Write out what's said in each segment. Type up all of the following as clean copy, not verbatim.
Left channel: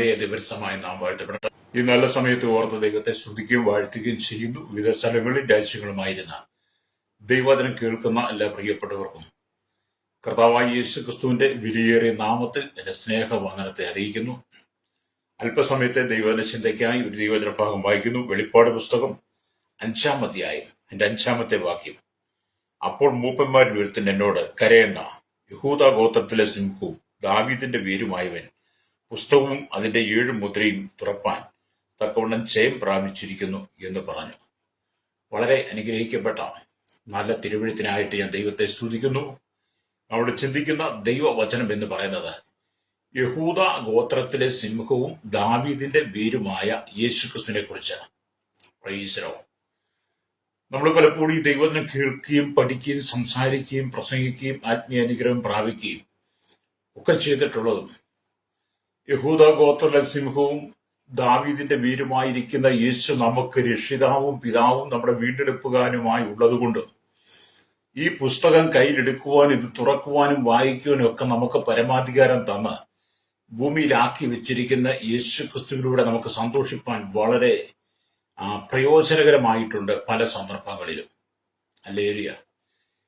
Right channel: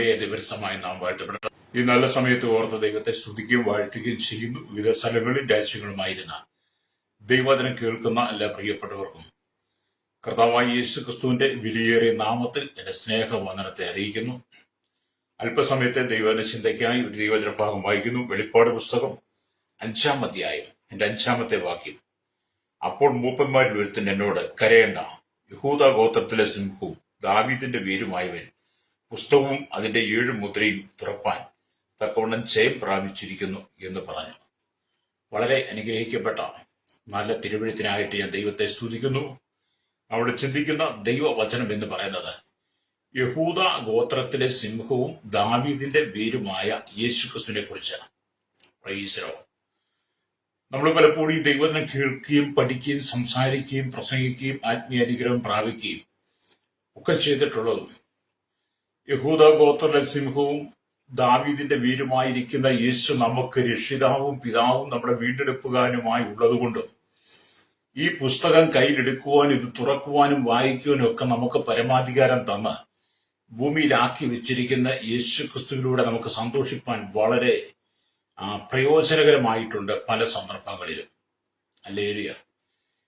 കർത്താവിന്റെ ദിവസമായി നാം വാഴ്ത്തപ്പെട്ട ഈ നല്ല സമയത്ത് ഓർത്ത് ദൈവത്തെ സ്തുതിക്കുകയും വാഴ്ത്തുകയും ചെയ്യുന്നു. വിവിധ സ്ഥലങ്ങളിൽ രാജ്യങ്ങളുമായിരുന്ന ദൈവവചനം കേൾക്കുന്ന എല്ലാ പ്രിയപ്പെട്ടവർക്കും കർത്താവായ യേശു ക്രിസ്തുവിന്റെ വിലയേറിയ നാമത്തിൽ എന്റെ സ്നേഹവന്ദനത്തെ അറിയിക്കുന്നു. അല്പസമയത്തെ ദൈവവചന ചിന്തയ്ക്കായി ഒരു ദൈവവചന ഭാഗം വായിക്കുന്നു. വെളിപ്പാട് പുസ്തകം 5-ാം അധ്യായം എന്റെ 5-ാമത്തെ വാക്യം. അപ്പോൾ മൂപ്പന്മാരിൽ ഒരുത്തൻ എന്നോട്, കരയേണ്ട, യഹൂദ ഗോത്രത്തിലെ സിംഹവും ദാവീദിന്റെ വേരുമായവൻ പുസ്തകവും അതിന്റെ 7 മുദ്രയും തുറപ്പാൻ തക്കവണ്ണം ജയം പ്രാപിച്ചിരിക്കുന്നു എന്ന് പറഞ്ഞു. വളരെ അനുഗ്രഹിക്കപ്പെട്ട നല്ല തിരുവെഴുത്തിനായിട്ട് ഞാൻ ദൈവത്തെ സ്തുതിക്കുന്നു. നമ്മൾ ചിന്തിക്കുന്ന ദൈവവചനം എന്ന് പറയുന്നത് യഹൂദ ഗോത്രത്തിലെ സിംഹവും ദാവീദിന്റെ വേരുമായ യേശുക്രിസ്തുവിനെ കുറിച്ചാണ്. പ്രൈസലോ. നമ്മൾ പലപ്പോഴും ഈ ദൈവവചനം കേൾക്കുകയും പഠിക്കുകയും സംസാരിക്കുകയും പ്രസംഗിക്കുകയും ആത്മീയ അനുഗ്രഹം പ്രാപിക്കുകയും ഒക്കെ ചെയ്തിട്ടുള്ളതും യഹൂദ ഗോത്രത്തിലെ സിംഹവും ദാവീദിന്റെ വീരുമായിരിക്കുന്ന യേശു നമുക്ക് രക്ഷിതാവും പിതാവും നമ്മുടെ വീണ്ടെടുപ്പുകാരനുമായി ഉള്ളതുകൊണ്ട് ഈ പുസ്തകം കയ്യിലെടുക്കുവാനും ഇത് തുറക്കുവാനും വായിക്കുവാനും ഒക്കെ നമുക്ക് പരമാധികാരം തന്ന് ഭൂമിയിലാക്കി വെച്ചിരിക്കുന്ന യേശു ക്രിസ്തുവിലൂടെ നമുക്ക് സന്തോഷിപ്പാൻ വളരെ പ്രയോജനകരമായിട്ടുണ്ട് പല സന്ദർഭങ്ങളിലും. ഹല്ലേലൂയ.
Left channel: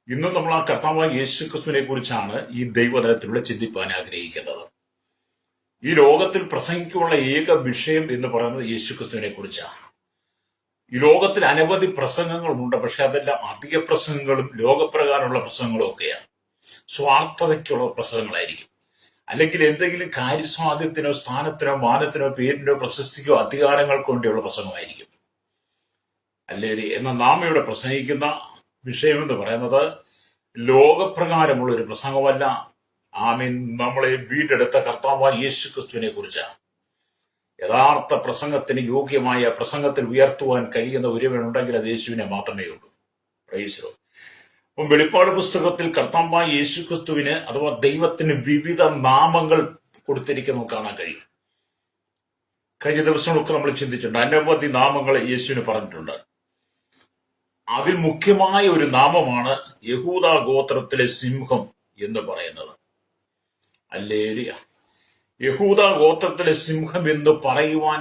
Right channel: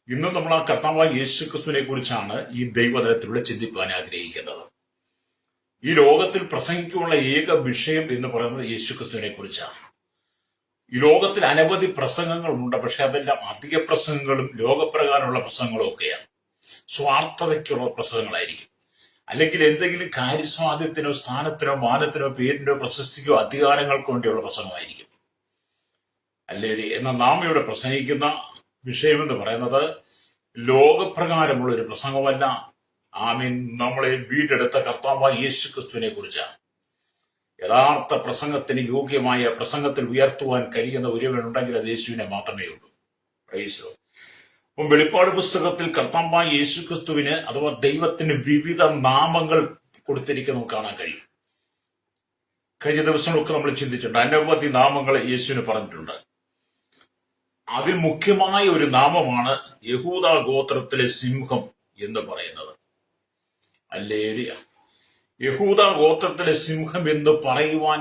ഇന്നും നമ്മൾ ആ കർത്താവായ യേശു ക്രിസ്തുവിനെ കുറിച്ചാണ് ഈ ദൈവതലത്തിലൂടെ ചിന്തിപ്പാൻ ആഗ്രഹിക്കുന്നത്. ഈ ലോകത്തിൽ പ്രസംഗിക്കുള്ള ഏക വിഷയം എന്ന് പറയുന്നത് യേശുക്രിസ്തുവിനെ കുറിച്ചാണ്. ഈ ലോകത്തിൽ അനവധി പ്രസംഗങ്ങളുണ്ട്, പക്ഷെ അതെല്ലാം അധിക പ്രസംഗങ്ങളും ലോകപ്രകാരമുള്ള പ്രസംഗങ്ങളും ഒക്കെയാണ്. സ്വാർത്ഥതയ്ക്കുള്ള പ്രസംഗങ്ങളായിരിക്കും, അല്ലെങ്കിൽ എന്തെങ്കിലും കാര്യസ്വാധ്യത്തിനോ സ്ഥാനത്തിനോ മാനത്തിനോ പേരിനോ പ്രശസ്തിക്കോ അധികാരങ്ങൾക്കോ വേണ്ടിയുള്ള പ്രസംഗമായിരിക്കും. അല്ലെങ്കിൽ എന്നാൽ നാം ഇവിടെ പ്രസംഗിക്കുന്ന വിഷയമെന്ന് പറയുന്നത് ലോകപ്രകാരമുള്ള ഒരു പ്രസംഗമല്ല. ആമീൻ. നമ്മളെ വീണ്ടെടുത്ത കർത്താവായ യേശു ക്രിസ്തുവിനെ കുറിച്ചാണ്. യഥാർത്ഥ പ്രസംഗത്തിന് യോഗ്യമായ പ്രസംഗത്തിൽ ഉയർത്തുവാൻ കഴിയുന്ന ഒരുവനുണ്ടെങ്കിൽ അത് യേശുവിനെ മാത്രമേ ഉള്ളൂ. പ്രൈസ്. അപ്പം വെളിപ്പാട് പുസ്തകത്തിൽ കർത്താവായ യേശു ക്രിസ്തുവിന് അഥവാ ദൈവത്തിന് വിവിധ നാമങ്ങൾ കൊടുത്തിരിക്കുന്നത് കാണാൻ കഴിയും. കഴിഞ്ഞ ദിവസങ്ങളൊക്കെ നമ്മൾ ചിന്തിച്ചിട്ടുണ്ട്. അനവധി നാമങ്ങൾ യേശുവിന് പറഞ്ഞിട്ടുണ്ട്. അതിൽ മുഖ്യമായ ഒരു നാമമാണ് യഹൂദ ഗോത്രത്തിലെ സിംഹം എന്ന് പറയുന്നത്. ഹല്ലേലൂയ. യഹൂദ ഗോത്രത്തിലെ സിംഹം എന്ന് പറയുവാൻ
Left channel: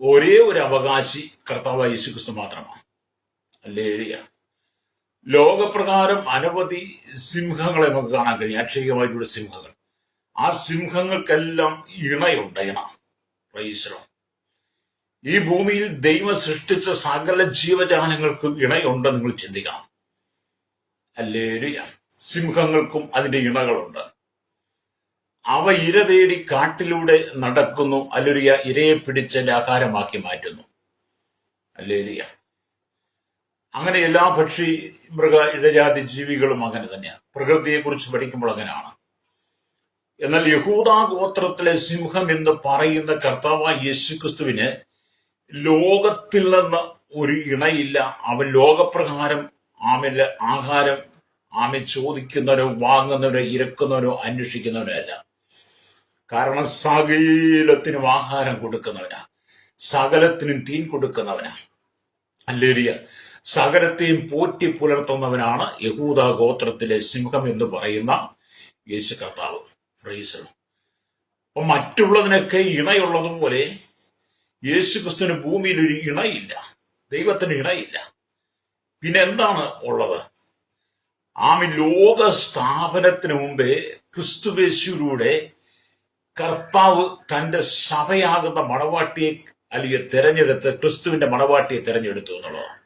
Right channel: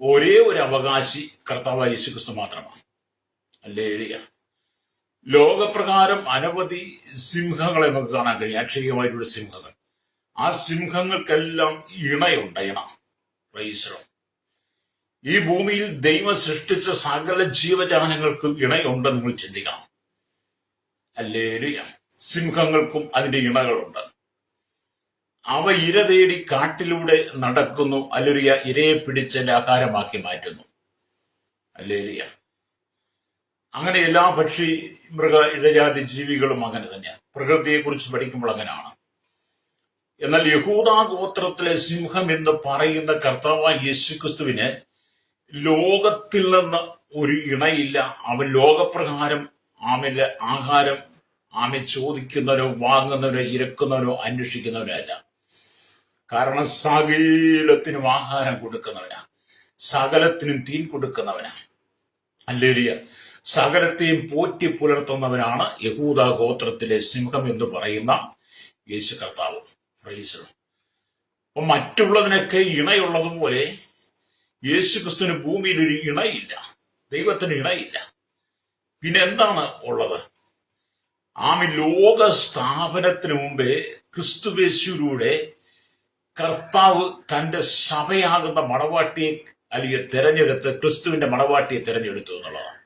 ഒരേ ഒരു അവകാശി കർത്താവായ യേശുക്രിസ്തു മാത്രമാണ്. ഹല്ലേലൂയ. ലോകപ്രകാരം അനവധി സിംഹങ്ങളെ നമുക്ക് കാണാൻ കഴിയും, അക്ഷരികമായിട്ടുള്ള സിംഹങ്ങൾ. ആ സിംഹങ്ങൾക്കെല്ലാം ഇണയുണ്ട്, ഇണ. പ്രൈസലോ. ഈ ഭൂമിയിൽ ദൈവം സൃഷ്ടിച്ച സകല ജീവജാലങ്ങൾക്കും ഇണയുണ്ട്. നിങ്ങൾ ചിന്തിക്കണം. ഹല്ലേലൂയ. സിംഹങ്ങൾക്കും അതിന്റെ ഇണകളുണ്ട്. അവ ഇര തേടി കാട്ടിലൂടെ നടക്കുന്നു. ഹല്ലേലൂയ. ഇരയെ പിടിച്ചതിന്റെ ആഹാരമാക്കി മാറ്റുന്നു. ഹല്ലേലൂയ. അങ്ങനെ എല്ലാ പക്ഷി മൃഗ ഇഴജാതി ജീവികളും അങ്ങനെ തന്നെയാണ്. പ്രകൃതിയെക്കുറിച്ച് പഠിക്കുമ്പോൾ അങ്ങനെയാണ്. എന്നാൽ യഹൂദ ഗോത്രത്തിലെ സിംഹം എന്ന് പറയുന്ന കർത്താവായ യേശുക്രിസ്തുവിന് ലോകത്തിൽ നിന്ന് ഒരു ഇണയില്ല. അവൻ ലോകപ്രകാരം ആമിന്റെ ആഹാരം ചോദിക്കുന്നവനോ വാങ്ങുന്നവനോ ഇരക്കുന്നവനോ അന്വേഷിക്കുന്നവനോ അല്ല. കാരണം സകലത്തിനും ആഹാരം കൊടുക്കുന്നവനാ, സകലത്തിനും തീൻ കൊടുക്കുന്നവനാ. ഹല്ലേലൂയ. സകലത്തെയും പോറ്റി പുലർത്തുന്നവനാണ് യഹൂദ ഗോത്രത്തിലെ സിംഹം എന്ന് പറയുന്ന യേശു കർത്താവ്. പ്രൈസ്. അപ്പൊ മറ്റുള്ളതിനൊക്കെ ഇണയുള്ളതുപോലെ യേശു ക്രിസ്തുവിന് ഭൂമിയിൽ ഒരു ഇണയില്ല, ദൈവത്തിന് ഇണയില്ല. പിന്നെ എന്താണ് ഉള്ളത്? ലോക സ്ഥാപനത്തിന് മുമ്പേ ക്രിസ്തുവേശുവിലൂടെ കർത്താവ് തന്റെ സഭയാകുന്ന മണവാട്ടിയെ അല്ലെങ്കിൽ തെരഞ്ഞെടുത്ത് ക്രിസ്തുവിന്റെ മണവാട്ടിയെ തെരഞ്ഞെടുത്തു എന്നുള്ളതാണ്.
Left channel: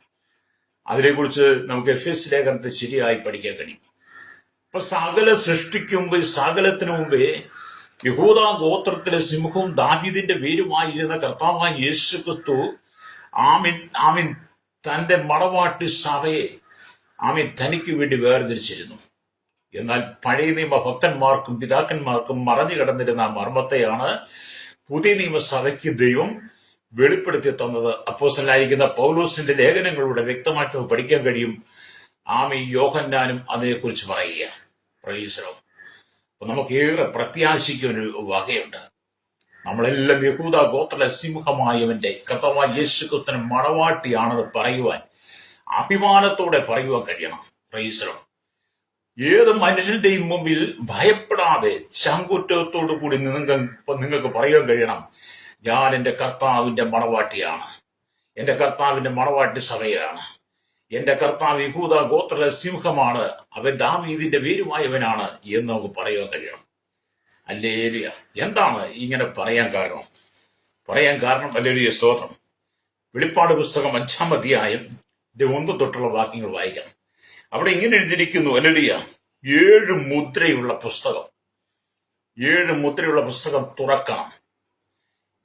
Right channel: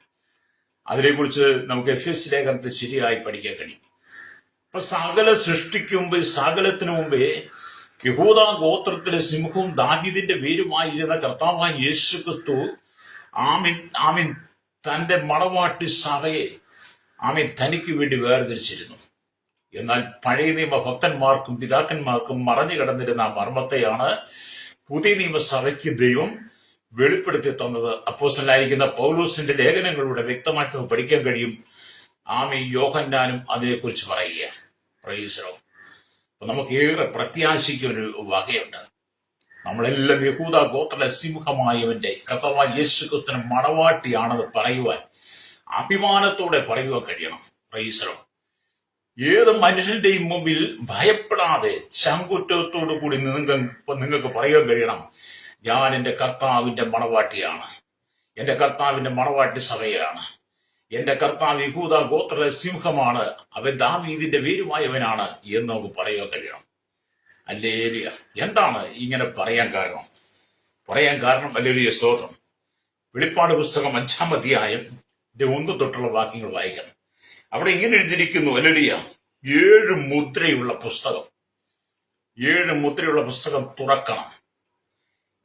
അതിനെക്കുറിച്ച് നമുക്ക് എഫേസ്യ ലേഖനത്തിൽ ശരിയായി പഠിക്കാൻ കഴിയും. അപ്പൊ സകല സൃഷ്ടിക്ക് മുമ്പ്, സകലത്തിന് മുമ്പേ യഹൂദ ഗോത്രത്തിലെ സിംഹവും ദാവീദിന്റെ വേരുമായിരുന്ന കർത്താവായ യേശു ക്രിസ്തു ആമീൻ തന്റെ മണവാട്ടി സഭയെ തനിക്ക് വേണ്ടി വേർതിരിച്ചിരുന്നു. എന്നാൽ പഴയ നിയമ ഭക്തന്മാർക്കും പിതാക്കന്മാർക്കും മറഞ്ഞു കിടന്നിരുന്ന മർമ്മത്തെയാണ് പുതിയ നിയമസഭയ്ക്ക് ദൈവം വെളിപ്പെടുത്തി തന്നത്. അപ്പോസ്തലനായിരിക്കുന്ന പൗലോസിന്റെ ലേഖനങ്ങളിലൂടെ വ്യക്തമായിട്ട് പഠിക്കാൻ കഴിയും. യോഹന്നാനും അതിനെക്കുറിച്ച് പറയുക. പ്രൈസ്. അപ്പൊ നമുക്ക് ഏറെ പ്രത്യാശിക്കൊരു വകയുണ്ട്. നമ്മളെല്ലാം യഹൂദ ഗോത്ര സിംഹമായവന്റെ കർത്താവായ യേശുക്രിസ്തുവിന്റെ മണവാട്ടിയാണെന്ന് പറയുവാൻ, അഭിമാനത്തോടെ പറയുവാൻ കഴിയണം. പ്രൈസ്. ഏത് മനുഷ്യന്റെയും മുമ്പിൽ ഭയപ്പെടാതെ ചങ്കുറ്റത്തോടു കൂടി നിങ്ങൾക്ക് പറയാൻ കഴിയണം, ഞാൻ എന്റെ കർത്താവിന്റെ മണവാട്ടിയാണ്, എന്റെ കർത്താവിന്റെ മണവാട്ടി സഭയാണ്, എന്റെ കർത്താവ് യഹൂദ ഗോത്ര സിംഹമാണ്, അവൻ ദാവീദിന്റെ വേരുമായവനാണ് എന്ന് നമുക്ക് പറയാൻ കഴിയണം. ഹല്ലേലൂയ. എന്താണ് ഇങ്ങനെ പറയാൻ കാരണം? ഹല്ലേലൂയ, സ്തോത്രം. വെളിപ്പാട് പുസ്തകം 5-ാം അധ്യായം 1 തൊട്ടുള്ള വാക്യങ്ങൾ വായിക്കണം. അവിടെ ഇങ്ങനെ എഴുതിയിരിക്കുന്നു, ഹല്ലേലൂയ, 7 മുദ്രയുള്ള പുസ്തകം, 7 മുദ്രയുള്ള പുസ്തകം തുറക്കണം.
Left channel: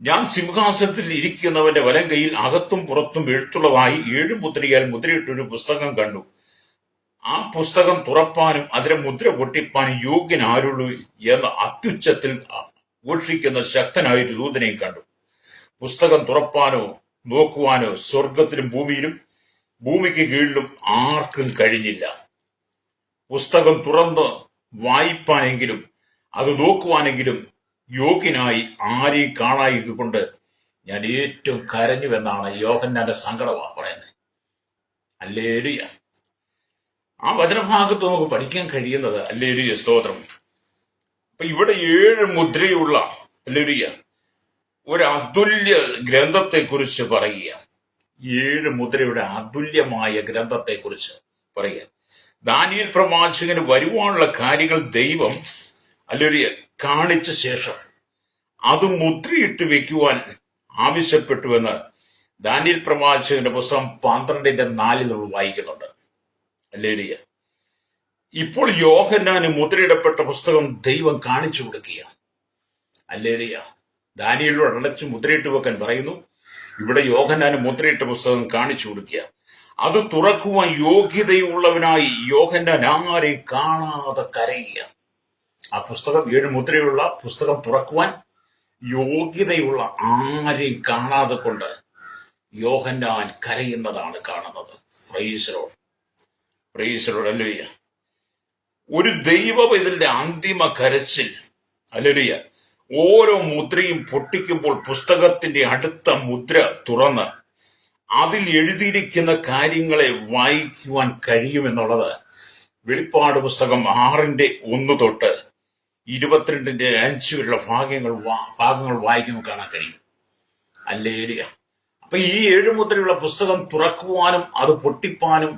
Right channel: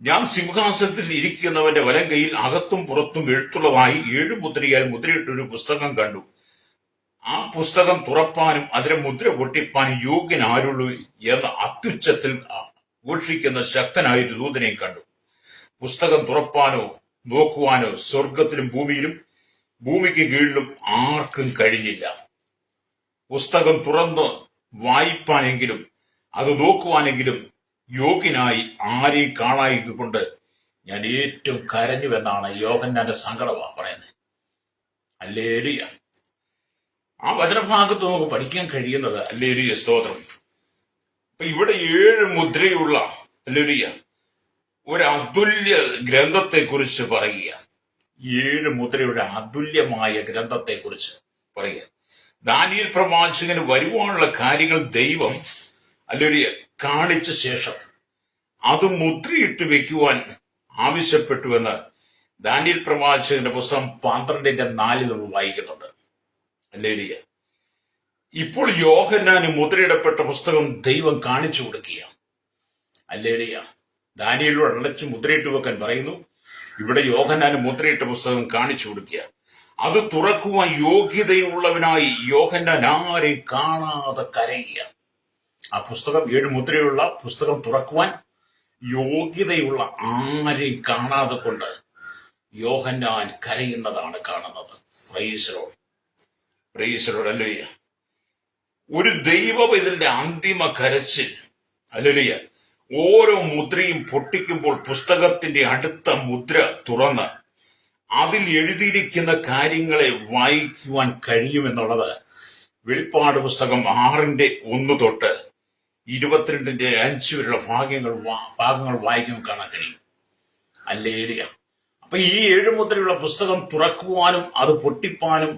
ഞാൻ സിംഹാസനത്തിൽ ഇരിക്കുന്നവന്റെ വലം കൈയിൽ അകത്തും പുറത്തും എഴുത്തുള്ളതായി 7 മുദ്രയാൽ മുദ്രയിട്ടൊരു പുസ്തകം കണ്ടു. ആ പുസ്തകം തുറപ്പാനും അതിലെ മുദ്ര പൊട്ടിപ്പാനും യോഗ്യൻ ആരുള്ളൂ എന്ന് അത്യുച്ചത്തിൽ ഘോഷിക്കുന്ന ശക്തനായൊരു ദൂതനെയും കണ്ടു. പുസ്തകം തുറപ്പാനോ നോക്കുവാനോ സ്വർഗത്തിലും ഭൂമിയിലും ഭൂമിക്ക് കീഴിലും ആർക്കും കഴിഞ്ഞില്ല. പുസ്തകം തുറന്ന് വായിപ്പാനെങ്കിലും അത് നോക്കുവാനെങ്കിലും യോഗ്യനായി ആരെയും കാണായിക്കൊണ്ട് ഞാൻ ഏറ്റവും കരഞ്ഞുവെന്നാണ് യോഹന്നാന്റെ സങ്കടമാണ് പറയുന്നത്. ഹല്ലേലൂയ. ആ വചനഭാഗത്ത് നമുക്ക് പഠിക്കാൻ കഴിയുന്നത്, ഹല്ലേലൂയ, സ്തോത്രം. അപ്പൊ ഇവിടെ 7 മുദ്രയുള്ള, ഹല്ലേലൂയ, ഒരു അതുല്യ ഗ്രന്ഥത്തെ കുറിച്ച് പറയുക. 7 മുദ്രയുടെ അതുല്യമായ ഗ്രന്ഥത്തെ കുറിച്ച് പറയുക. ദാനിയേൽ പ്രവാചകന് വരുവാനുള്ള കാര്യങ്ങൾ ദൈവം, ഹല്ലേലൂയ, കാണിച്ച ശേഷം അത് മുദ്രയിട്ട് വെക്കുവാൻ ആവശ്യപ്പെട്ടുവെന്ന് ദാനിയേൽ പ്രവാചകന്റെ പുസ്തകം 12:4 നമ്മൾ വായിക്കുന്നുണ്ട്. ഹല്ലേലൂയ. ഇപ്പോൾ യോഹന്നാന് മുദ്രയിടപ്പെട്ട പുസ്തകം ദൈവം കാണിച്ചു കൊടുക്കുക. ഹല്ലേലൂയ. ദാനിയേലിനോട് അടച്ച് മുദ്രയിട്ട് വെക്കാൻ പറയുന്നു. ഇവിടെ യോഹന്നാന് മുദ്രയിട്ട പുസ്തകം കാണിച്ചു കൊടുക്കുക. അത് തുറക്കുവാൻ യോഗ്യതയുള്ളവനായി യോഹന്നാൻ ആരെയും കാണാതെ കരയുക. ആ പുസ്തകം, 7 മുദ്രയുള്ള പുസ്തകം തുറക്കുവാൻ യോഗ്യതയുള്ള ആരെയും കാണാതെ കൊണ്ട് യോഹന്നാൻ കരയുന്നതാണ് കാണുന്നത്. Praise Lord, praise Lord, hallelujah. ഒരു ദൈവപൈതലിന്റെ അന്തിമ കരച്ചിൽ, ഹല്ലേലൂയ. ഓരോ മുദ്രയും പൊട്ടിക്കുമ്പോൾ പുസ്തകത്തിന്റെ അടുത്ത മുദ്ര തുറന്ന് അതിൽ എഴുതിയിരിക്കുന്ന കാര്യങ്ങളെ വായിക്കുവാൻ കഴിയുമെന്നുള്ളത് വെളിപ്പാട് പുസ്തകം 6:1 തൊട്ട് 22:5 വരെയുള്ള ഭാഗങ്ങൾ വായിക്കുമ്പോൾ കാണാൻ കഴിയും. ഹല്ലേലൂയ. അപ്പൊ ഈ 7 മുദ്രയുള്ള പുസ്തകം തുറക്കുവാനും അത് പൊട്ടിപ്പാനും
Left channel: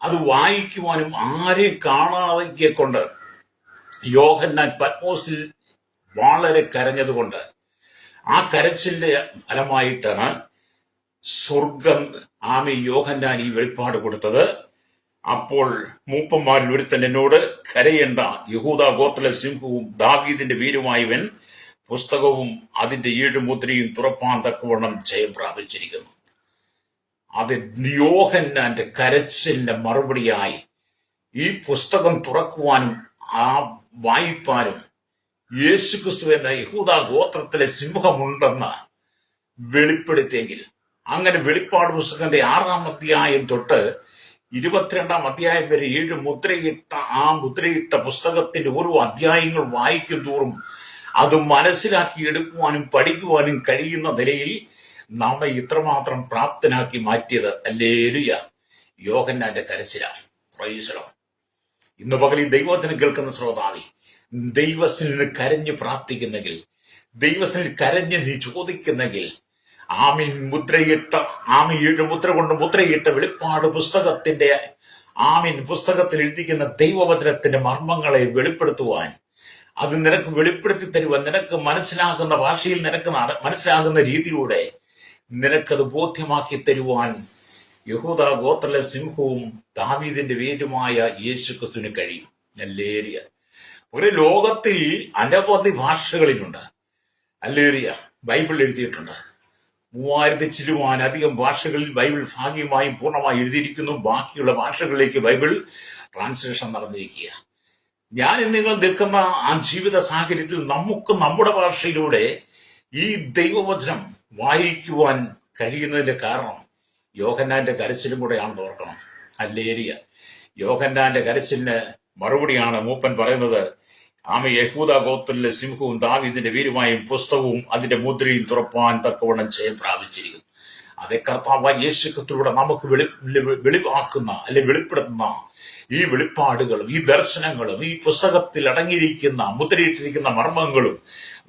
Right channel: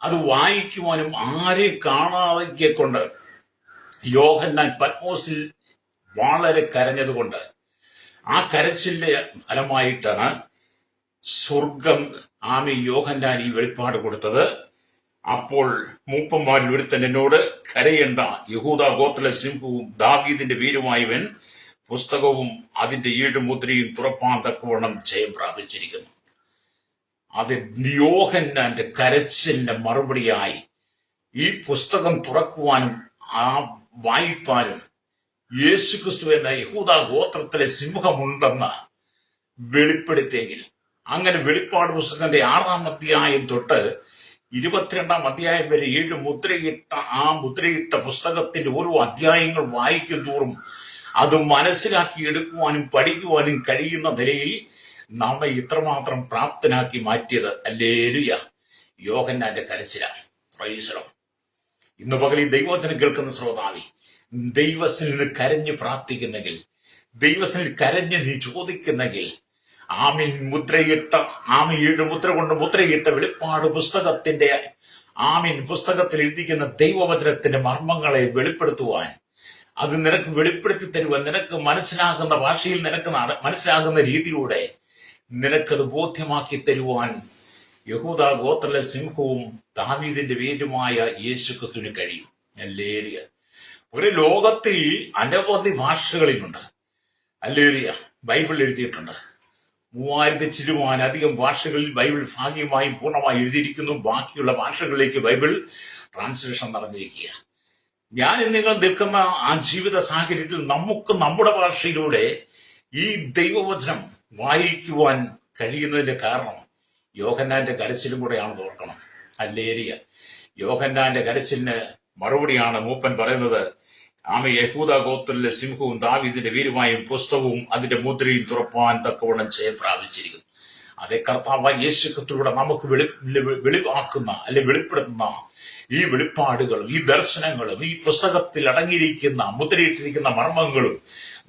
അത് വായിക്കുവാനും ആരെയും കാണാതെ കൊണ്ട് യോഹന്നാൻ പത്മോസിൽ വളരെ കരഞ്ഞതുകൊണ്ട് ആ കരച്ചിലിന്റെ ഫലമായിട്ടാണ് സ്വർഗം യോഹന്നാൻ ഈ വെളിപ്പാട് കൊടുത്തത്. അപ്പോൾ മൂപ്പന്മാരിൽ ഒരുത്തൻ എന്നോട്, കരയേണ്ട, യഹൂദ ഗോത്ര സിംഹവും ദാവീദിന്റെ വീരുമായവൻ പുസ്തകവും അതിന്റെ 7 മുദ്രയും തുറപ്പാൻ തക്കവണ്ണം ജയം പ്രാപിച്ചിരിക്കുന്നു. അത് യോഹന്നാന്റെ കരച്ചിലിന്റെ മറുപടിയായി ഈ പുസ്തകം തുറക്കുവാനും ആ വായിപ്പാനും യേശുക്രിസ്തു എന്ന യഹൂദ ഗോത്രത്തിലെ സിംഹമുണ്ടെന്ന് വെളിപ്പെടുത്തിയെങ്കിൽ, അങ്ങനെ വെളിപ്പാട് പുസ്തകത്തിന്റെ 6-ാം അധ്യായം തൊട്ട് 22-ാം അധ്യായം വരെ 7 മുദ്രയിട്ട പുസ്തകത്തിന്റെ ഓരോ അധ്യായങ്ങൾ വായിക്കും തോറും അത് മനസ്സിലാക്കിയെടുക്കുവാനും പഠിക്കുവാനും കഴിയുന്ന നിലയിൽ നമ്മെ ഇത്രമാത്രം പ്രാപ്തനാക്കി മാറ്റിയത്, ഹല്ലേലൂയ, യോഹന്നാന്റെ കരച്ചിലാണ്. Praise Lord. ഇന്ന് പകൽ ഈ ദൈവവചനം കേൾക്കുന്ന ശ്രോതാവി, ദൈവത്തിൽ കരഞ്ഞ് പ്രാർത്ഥിക്കുന്നെങ്കിൽ, ദൈവത്തിൽ കരഞ്ഞ് നീ ചോദിക്കുന്നെങ്കിൽ, ആമീൻ, 7 മുദ്ര കൊണ്ട് മുദ്രയിട്ട വെളിപ്പാട് പുസ്തകത്തിന്റെ പുസ്തകത്തിൽ എഴുതിക്കുന്ന ദൈവവചനത്തിന്റെ മർമ്മങ്ങളെ വെളിപ്പെടുത്തുവാൻ, അത് നിനക്ക് വെളിപ്പെടുത്തി തരുവാൻ, നിനക്ക് മനസ്സിലാകുന്ന ഭാഷയിൽ, നിനക്ക് മനസ്സിലാകുന്ന രീതിയിലൂടെ നിനക്കത് ബോധ്യമാക്കി തരുവാൻ യഹൂദ ഗോത്ര സിംഹവും ദാവീദിന്റെ വേരുമായ യേശുക്രിസ്തുവിന് കഴിയും. ഹല്ലേലൂയ. ഒരു ലോകത്തിൽ അനവധി ഭാഷകളിലുണ്ട്, ഹല്ലേലൂയ, ബൈബിൾ എഴുതിയിട്ടുണ്ട്. 3000 ചില്ലുവാനധികം ഭാഷകളിൽ ബൈബിൾ ഭാഗികമായും പൂർണ്ണമായി എഴുതിയിരിക്കുന്നു. ബാക്കിയുള്ള ഭാഷകളിലേക്ക് ബൈബിൾ ട്രാൻസ്ലേഷൻ നടന്നിരിക്കുക. ഞാൻ നിങ്ങൾ നിൽക്കുന്ന ആ ജീവിത സാഹചര്യത്തിൽ നമുക്ക് നമ്മുടെ ഭാഷയിലൂടെ ഈ ദൈവവചനം വായിക്കുവാൻ കഴിയുന്നതിന്റെ കാരണം യോഹന്നാന്റെ കരച്ചിലും കൂടെയാണെന്ന് ഓർക്കണം. ഹല്ലേലൂയ. യോഹന്നാന്റെ കരച്ചിലിന് മറുപടിയാണ് മൂപ്പൻ പറയുന്നത്, യഹൂദ ഗോത്രത്തിലെ സിംഹവും ദാവീദിന്റെ വീരുമായും പുസ്തകവും അതിന്റെ മുദ്രയും തുറപ്പാൻ തക്കവണ്ണം ജയം പ്രാപിച്ചിരിക്കുന്നു. അതേ കർത്താവായ യേശുക്രിസ്തുവിലൂടെ നമുക്ക് വെളിവാക്കുന്ന, വെളിപ്പെടുത്തുന്ന ഈ വെളിപ്പാടുകളും ഈ ദർശനങ്ങളും ഈ പുസ്തകത്തിൽ അടങ്ങിയിരിക്കുന്ന മുദ്രയിട്ടിരിക്കുന്ന മർമ്മങ്ങളും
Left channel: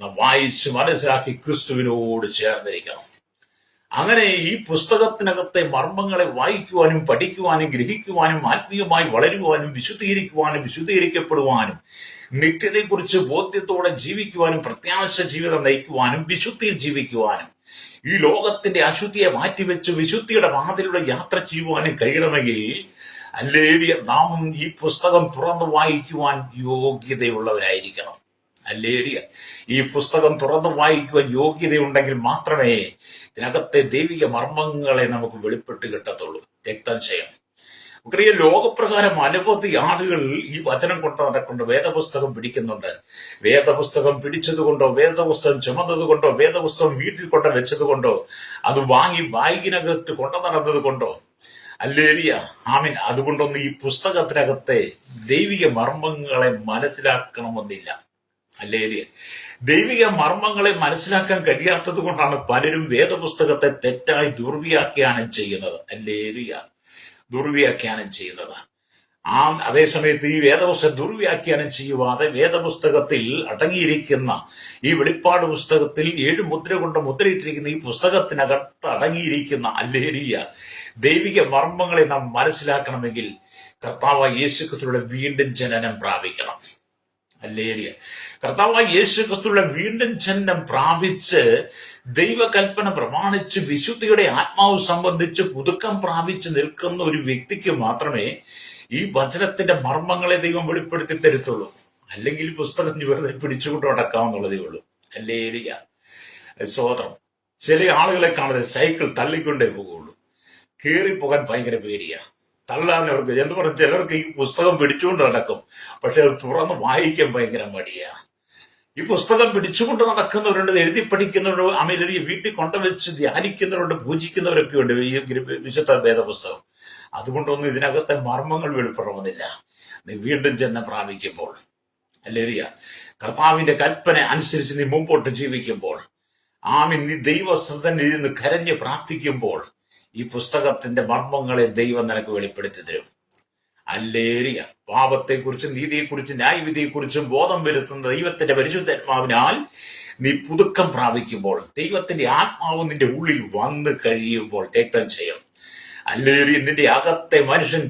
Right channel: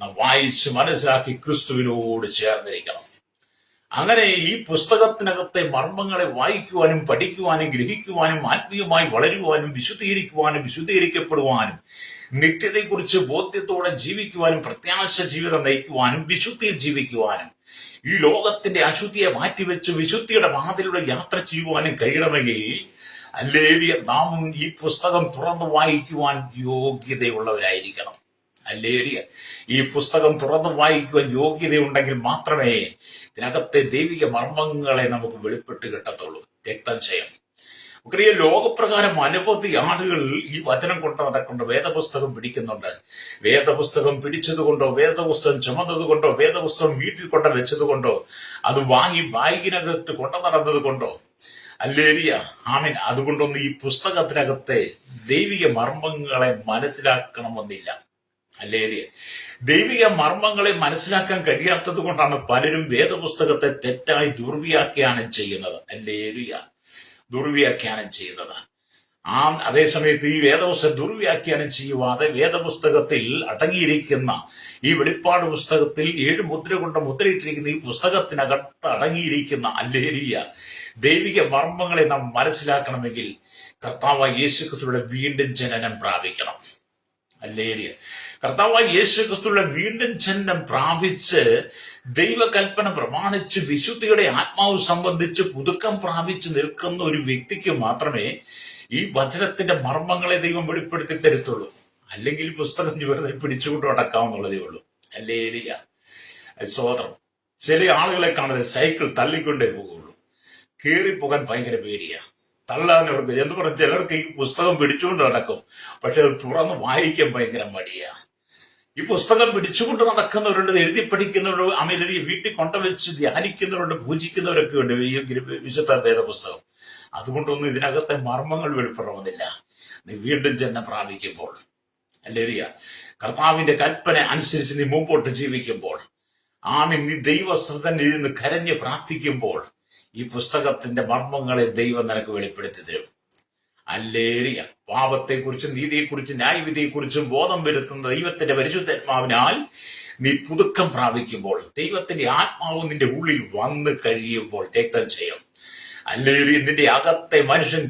നാം വായിച്ച് മനസ്സിലാക്കി ക്രിസ്തുവിനോട് ചേർന്നിരിക്കണം. അങ്ങനെ ഈ പുസ്തകത്തിനകത്തെ മർമ്മങ്ങളെ വായിക്കുവാനും പഠിക്കുവാനും ഗ്രഹിക്കുവാനും ആത്മീയമായി വളരുവാനും വിശുദ്ധീകരിക്കുവാനും വിശുദ്ധീകരിക്കപ്പെടുവാനും നിത്യതയെക്കുറിച്ച് ബോധ്യത്തോടെ ജീവിക്കുവാനും പ്രത്യാശ ജീവിതം നയിക്കുവാനും വിശുദ്ധിയിൽ ജീവിക്കുവാനും ഈ ലോകത്തിന്റെ അശുദ്ധിയെ മാറ്റിവെച്ച് വിശുദ്ധിയുടെ വാതിലൂടെ യാത്ര ചെയ്യുവാനും കഴിയണമെങ്കിൽ അല്ലേലിയ നാം ഈ പുസ്തകം തുറന്നു വായിക്കുവാൻ യോഗ്യതയുള്ളവരായിരിക്കണം. അല്ലേലിയ ഈ പുസ്തകം തുറന്നു വായിക്കുവാൻ യോഗ്യതയുണ്ടെങ്കിൽ മാത്രമേ ഇതിനകത്തെ ദൈവിക മർമ്മങ്ങളെ നമുക്ക് വെളിപ്പെട്ട് കിട്ടത്തുള്ളൂ. രക്തക്ഷയം നമുക്കറിയ ലോകപ്രകാരം അനവധി ആളുകൾ ഈ വചനം കൊണ്ട് നടക്കുന്നുണ്ട്, വേദപുസ്തകം പിടിക്കുന്നുണ്ട്. വേദപുസ്തകം പിടിച്ചതുകൊണ്ടോ വേദപുസ്തകം ചുമന്നതുകൊണ്ടോ വേദപുസ്തകം വീട്ടിൽ കൊണ്ട് വെച്ചതുകൊണ്ടോ അത് വാങ്ങി ബാഗിനകത്ത് കൊണ്ടു നടന്നത് കൊണ്ടോ അല്ലേലിയ ആമീൻ അതുകൊണ്ടൊന്നും ഈ പുസ്തകത്തിനകത്തെ ദൈവിക മർമ്മങ്ങളെ മനസ്സിലാക്കണമെന്നില്ല. അല്ലേലിയ ദൈവിക മർമ്മങ്ങളെ മനസ്സിലാക്കാൻ കഴിയാത്തത് കൊണ്ടാണ് പലരും വേദപുസ്തകത്തെ തെറ്റായി ദുർവ്യാഖ്യാനം ചെയ്യുന്നത്. അല്ലേലിയ ദുർവ്യാഖ്യാനം ചെയ്യുന്നത്. അതേസമയത്ത് ഈ വേദപുസ്തകം ദുർവ്യാഖ്യാനം ചെയ്യുവാതെ വേദപുസ്തകത്തിൽ അടങ്ങിയിരിക്കുന്ന ഈ വെളിപ്പാട് പുസ്തകത്തിൽ 7 മുദ്ര കൊണ്ട് മുദ്രയിട്ടിരിക്കുന്ന ഈ പുസ്തകത്തിനകത്ത് അടങ്ങിയിരിക്കുന്ന അല്ലേലിയ ദൈവിക മർമ്മങ്ങളെ നാം മനസ്സിലാക്കണമെങ്കിൽ കർത്താവായ യേശുക്രിസ്തുവിന്റെ വീണ്ടും ജനനം പ്രാപിക്കണം. അല്ലേലിയ കർത്താവായ യേശുക്രിസ്തുവിന്റെ വീണ്ടും ജനനം പ്രാപിച്ച് ദൈവകൽപ്പന പ്രമാണിച്ച് വിശുദ്ധിയുടെ ആത്മാവ് സംബന്ധിച്ച് പുതുക്കം പ്രാപിച്ച് നിൽക്കുന്ന ഒരു വ്യക്തിക്ക് മാത്രമേ ഈ വചനത്തിന്റെ മർമ്മങ്ങളെ ദൈവം വെളിപ്പെടുത്തി തരത്തുള്ളൂ. അല്ലെങ്കിൽ പുസ്തകം വെറുതെ പിടിച്ചുകൊണ്ട് നടക്കാവുന്നുള്ളതേ ഉള്ളൂ. അല്ലേലിയ സ്വതന്ത്രം. ചില ആളുകളെ കാണുന്നത് സൈക്കിൾ തള്ളിക്കൊണ്ടേ പോകുള്ളൂ. കയറിപ്പോകാൻ ഭയങ്കര പേടിയാ. തള്ളാൻ അവർക്ക് എന്ന് പറഞ്ഞ ചിലർക്ക് ഈ പുസ്തകം പിടിച്ചുകൊണ്ട് നടക്കും, പക്ഷെ അത് തുറന്ന് വായിക്കാൻ ഭയങ്കര മടിയാ. ഈ പുസ്തകം പിടിച്ചുകൊണ്ട് നടക്കുന്നവരുണ്ട്, എഴുതി പഠിക്കുന്നവരുണ്ട്, അമേരിക്ക വീട്ടിൽ കൊണ്ടുവച്ച് ധ്യാനിക്കുന്നവരുണ്ട്, പൂജിക്കുന്നവരൊക്കെ ഉണ്ട് ഈ വിശുദ്ധ വേദപുസ്തകം. അതുകൊണ്ടൊന്നും ഇതിനകത്തെ മർമ്മങ്ങൾ വെളിപ്പെടുന്നില്ല. നീ വീണ്ടും ജന്മം പ്രാപിക്കുമ്പോൾ അല്ലേറിയ കർത്താവിന്റെ കൽപ്പന അനുസരിച്ച് നീ മുമ്പോട്ട് ജീവിക്കുമ്പോൾ നീ ദൈവസന്നിധിയിൽ നിന്ന് കരഞ്ഞ് പ്രാർത്ഥിക്കുമ്പോൾ ഈ പുസ്തകത്തിന്റെ മർമ്മങ്ങളെ ദൈവം നിനക്ക് വെളിപ്പെടുത്തി തരും. അല്ലേറിയ പാപത്തെക്കുറിച്ചും നീതിയെക്കുറിച്ചും ന്യായവിധിയെക്കുറിച്ചും ബോധം വരുത്തുന്ന ദൈവത്തിന്റെ പരിശുദ്ധാത്മാവിനാൽ നീ പുതുക്കം പ്രാപിക്കുമ്പോൾ ദൈവത്തിന്റെ ആത്മാവ് നിന്റെ ഉള്ളിൽ വന്നു കഴിയുമ്പോൾ രക്തം ചെയ്യും. അല്ലേറിയ നിന്റെ അകത്തെ മനുഷ്യൻ